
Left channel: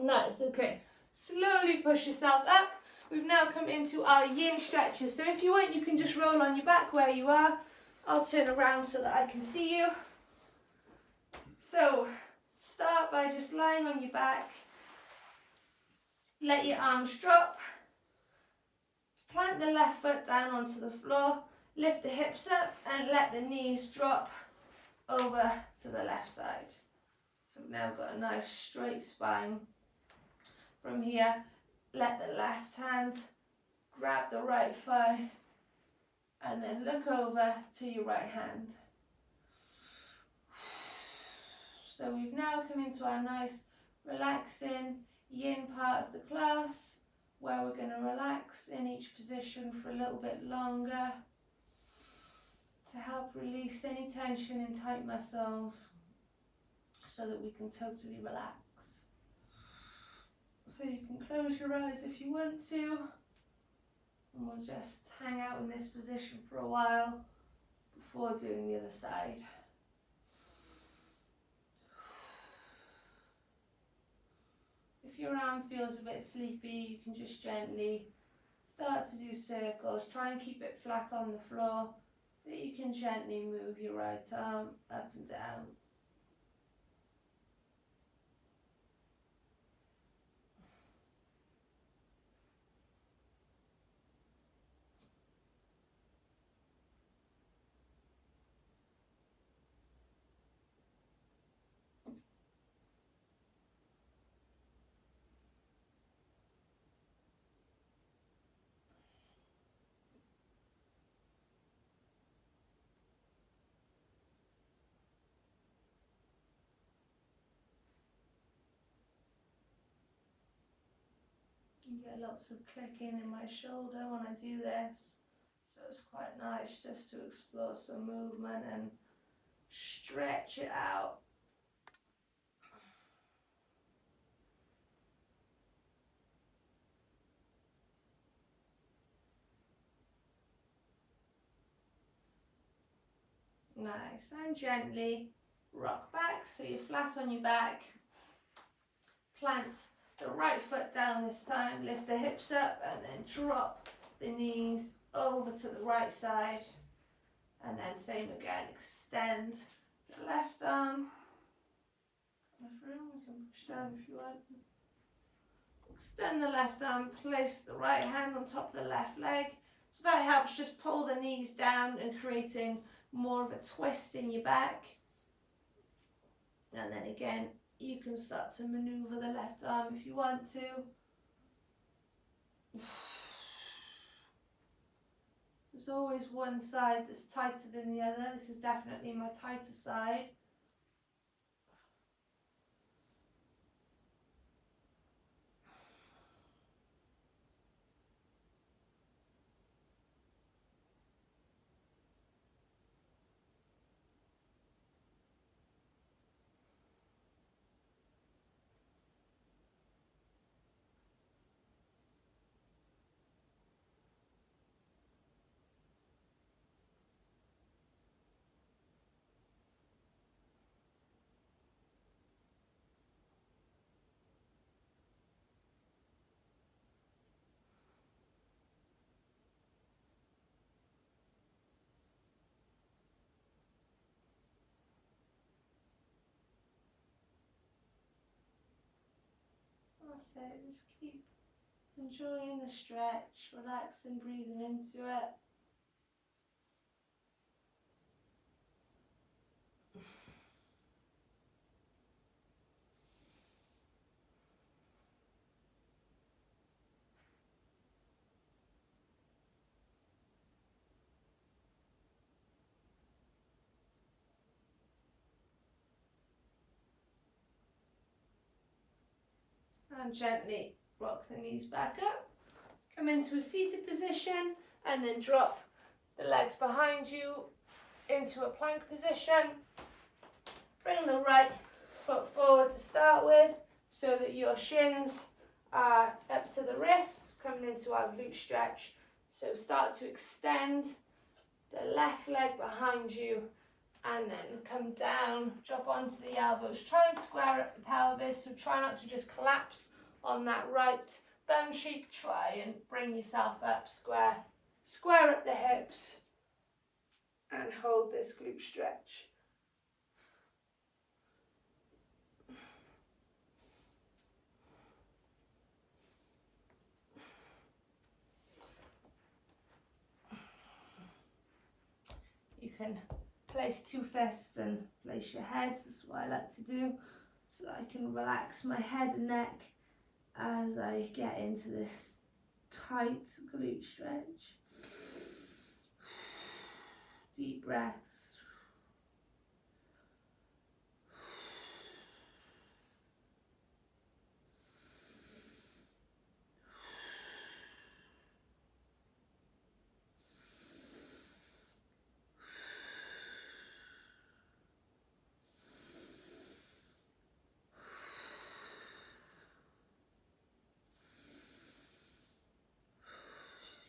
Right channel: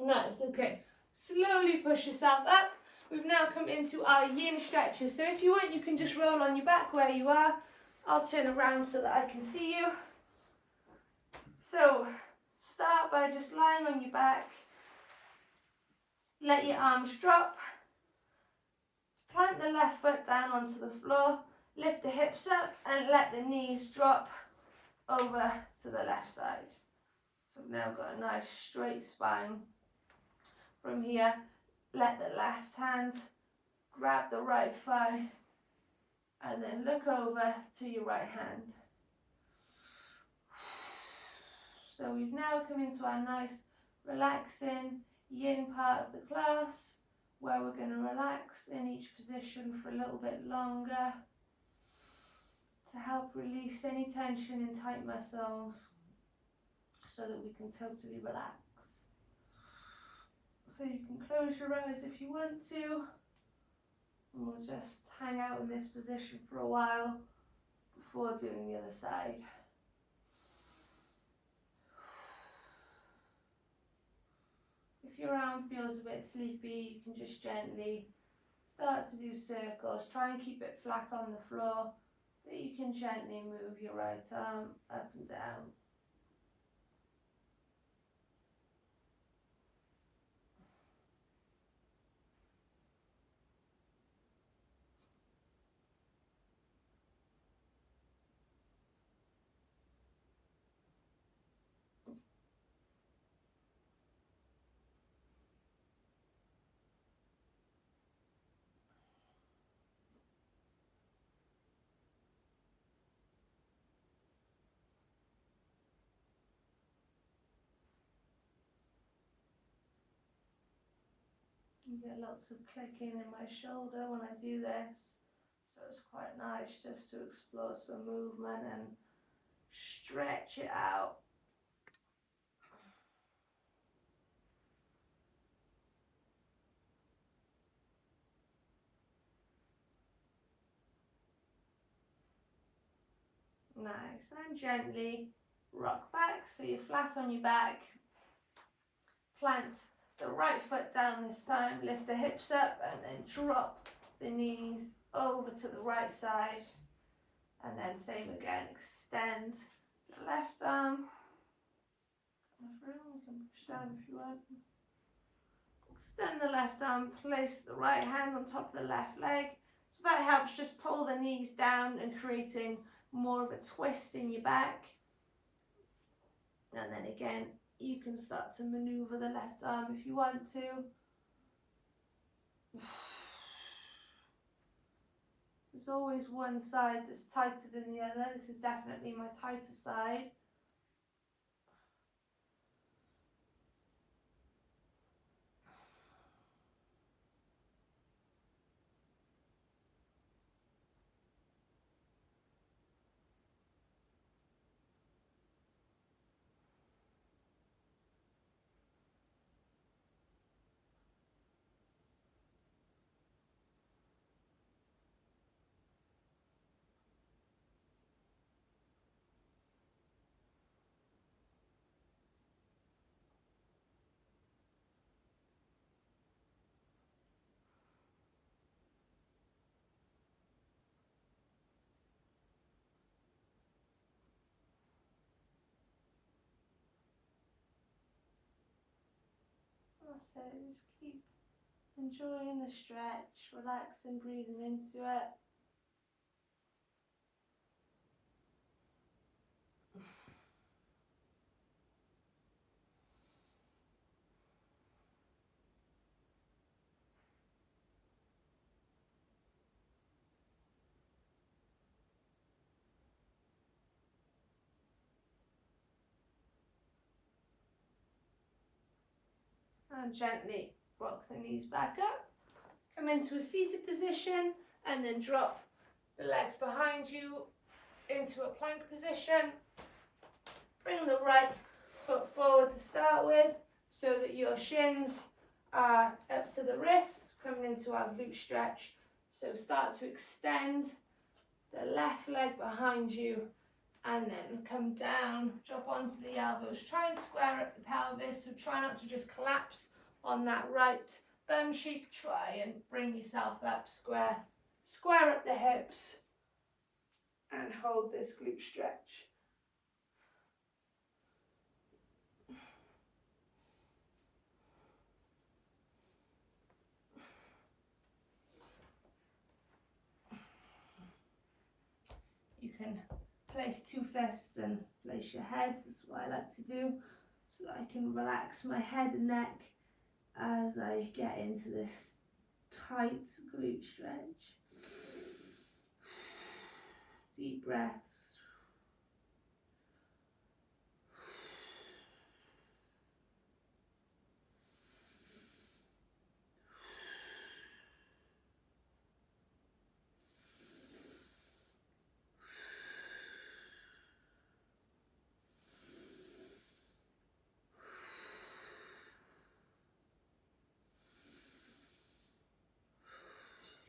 Nice, okay. Slowly push yourself up. We've now come into our yin stretches. So if you want, you can just roll on your back where you are. I'll turn around so that I can see you. So start by just lying on your back. Let your arms drop. Plant the left foot down onto the floor. Lift the hips up and let the knees drop over to the left side. So we've now got a nice straight spine. From here, let the left hand grab the right thigh and then look over to your right hand. So we've now come into our nice relaxing yin part of the class where we're going to relax in each position for a little bit longer to help release any tension in tight muscles so that we can totally relax. So you can close your eyes if you want to, and we'll just hang out in this position for a while before doing the other side. If your arm feels a bit sleepy, you can just gently start to do circles. Try and keep it flat on the floor, but you can gently move your right arm up and down. You get lots of clicking in my shoulder when I do this, so it's quite nice just to explore some movement and stretch it out. Nice, and gently rock back so you're flat on your back. Plant the right foot down this time, lift the hips up and then drop the knees over to the right side. And then same again, extend the left arm. You can push down if you want. Extend the left arm, place the right hand on top of the left leg. So that helps just pull the knees down and creating more of a twist in your back. And then again, you can start to maneuver the left arm if you want to. There's always one side that's tighter than the other. This is definitely my tighter side. That's it, just keep enjoying the stretch, relaxing, breathing into it. And gently rock the knees back up. Come into a seated position and then drop the legs behind you into a plank position. Bring the right foot forward to start with so that your shins are up to the wrists, coming into our glute stretch. So start to extend the left leg behind you and then come down, drop onto the elbows. Try and square up the pelvis, so try not to just collapse on that right bum cheek. Try and bring yourself up, square up the hips and hold this glute stretch. You can place two fists and place your head. That's what I like to do, so that I can relax my head and neck as I get into this tight glute stretch. Deep breaths.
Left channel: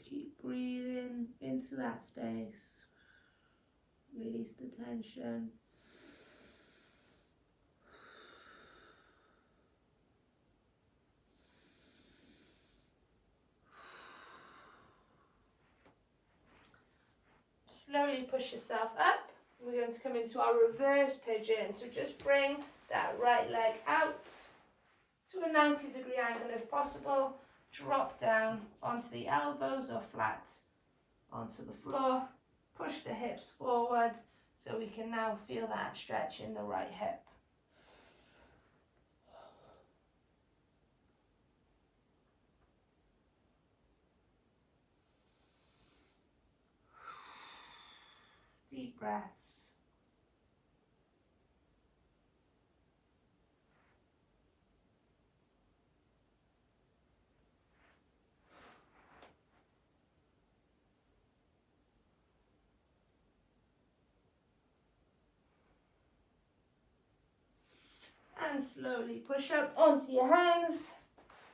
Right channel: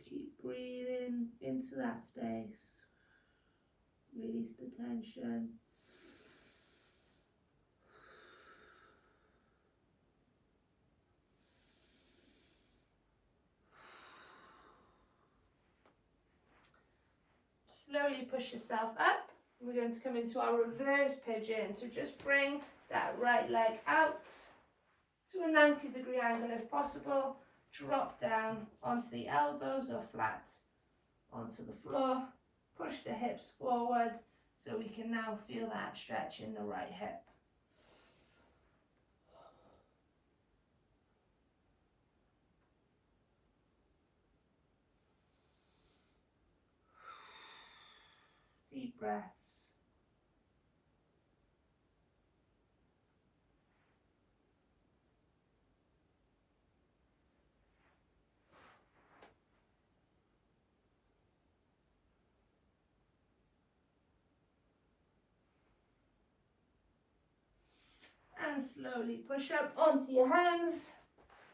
Keep breathing into that space. Release the tension. Slowly push yourself up. We're going to come into our reverse pigeon. So just bring that right leg out to a 90-degree angle if possible. Drop down onto the elbows or flat onto the floor. Push the hips forward so we can now feel that stretch in the right hip. Deep breaths. And slowly push up onto your hands.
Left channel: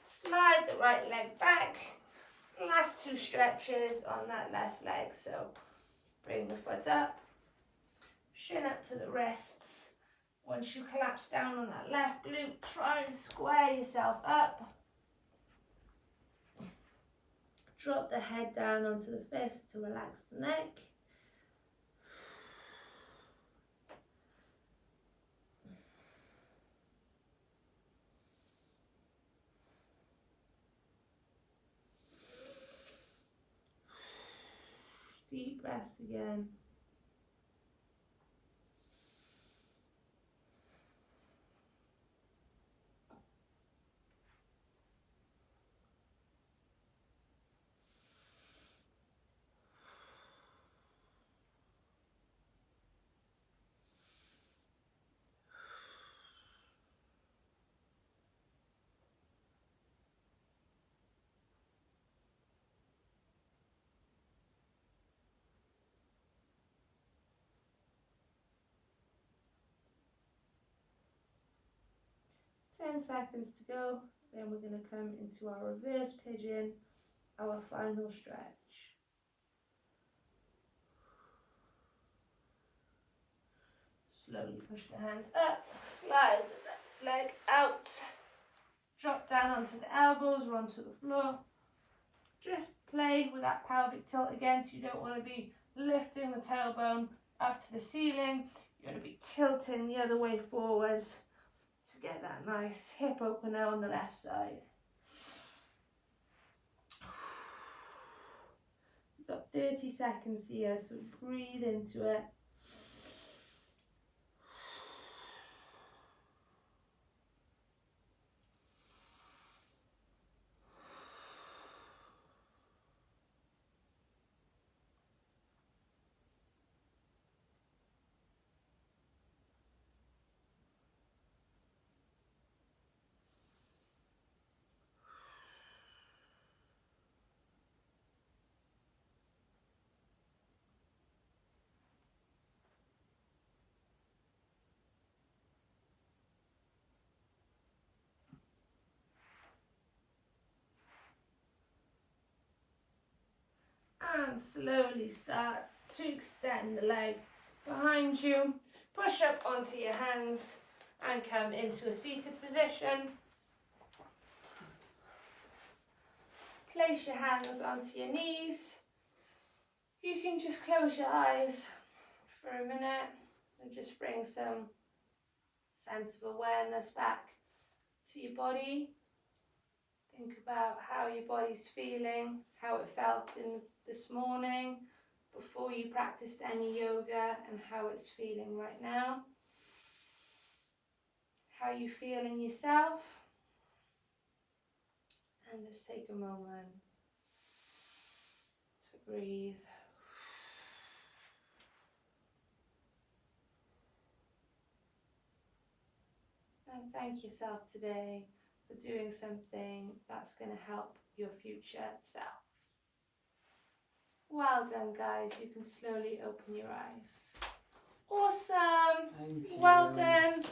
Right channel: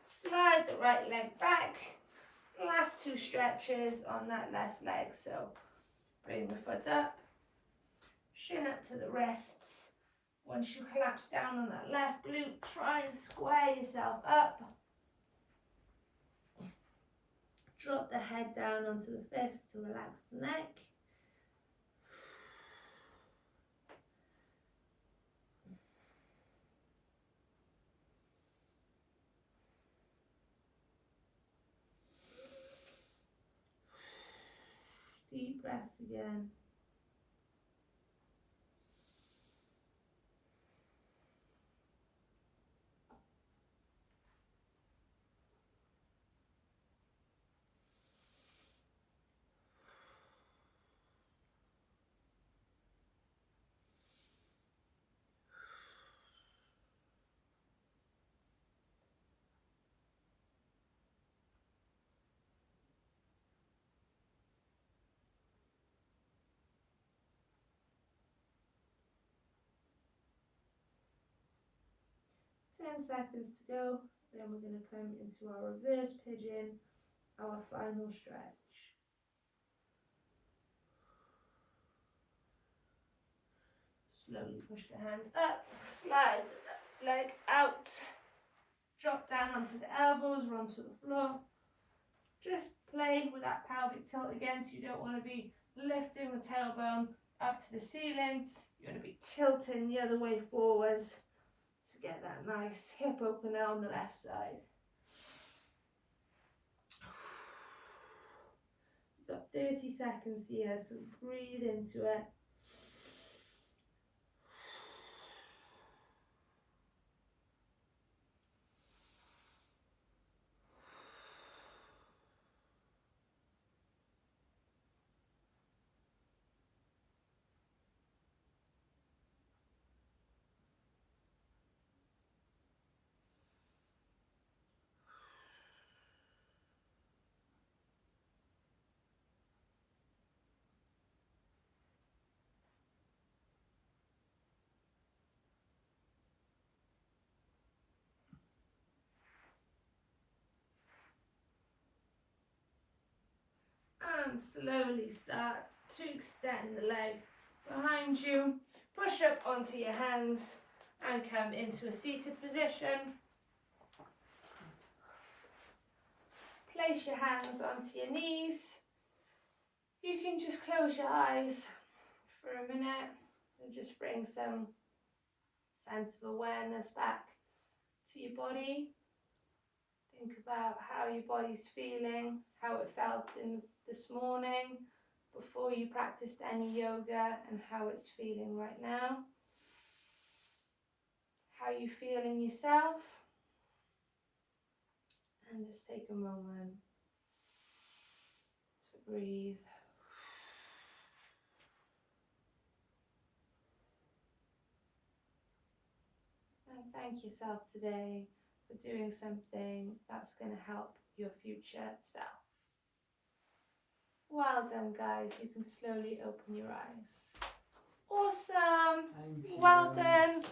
Slide the right leg back. Last two stretches on that left leg. So bring the foot up, shin up to the wrists. Once you collapse down on that left glute, try and square yourself up. Drop the head down onto the fists to relax the neck. Deep breaths again. Ten seconds to go, then we're going to come into our reverse pigeon, our final stretch. Slowly push the hands up, slide the left leg out, drop down onto the elbows or onto the floor. Just play with that pelvic tilt again, so you don't want to be lifting the tailbone up to the ceiling. You want to be tilting the other way forwards to get that nice hip opener on the left side. You've got 30 seconds here, so breathe into it. And slowly start to extend the leg behind you. Push up onto your hands and come into a seated position. Place your hands onto your knees. You can just close your eyes for a minute and just bring some sense of awareness back to your body. Think about how your body's feeling, how it felt this morning before you practiced any yoga, and how it's feeling right now. How you feel in yourself. And just take a moment to breathe. And thank yourself today for doing something that's going to help your future self. Well done, guys. You can slowly open your eyes. Awesome. Thank you. Well done.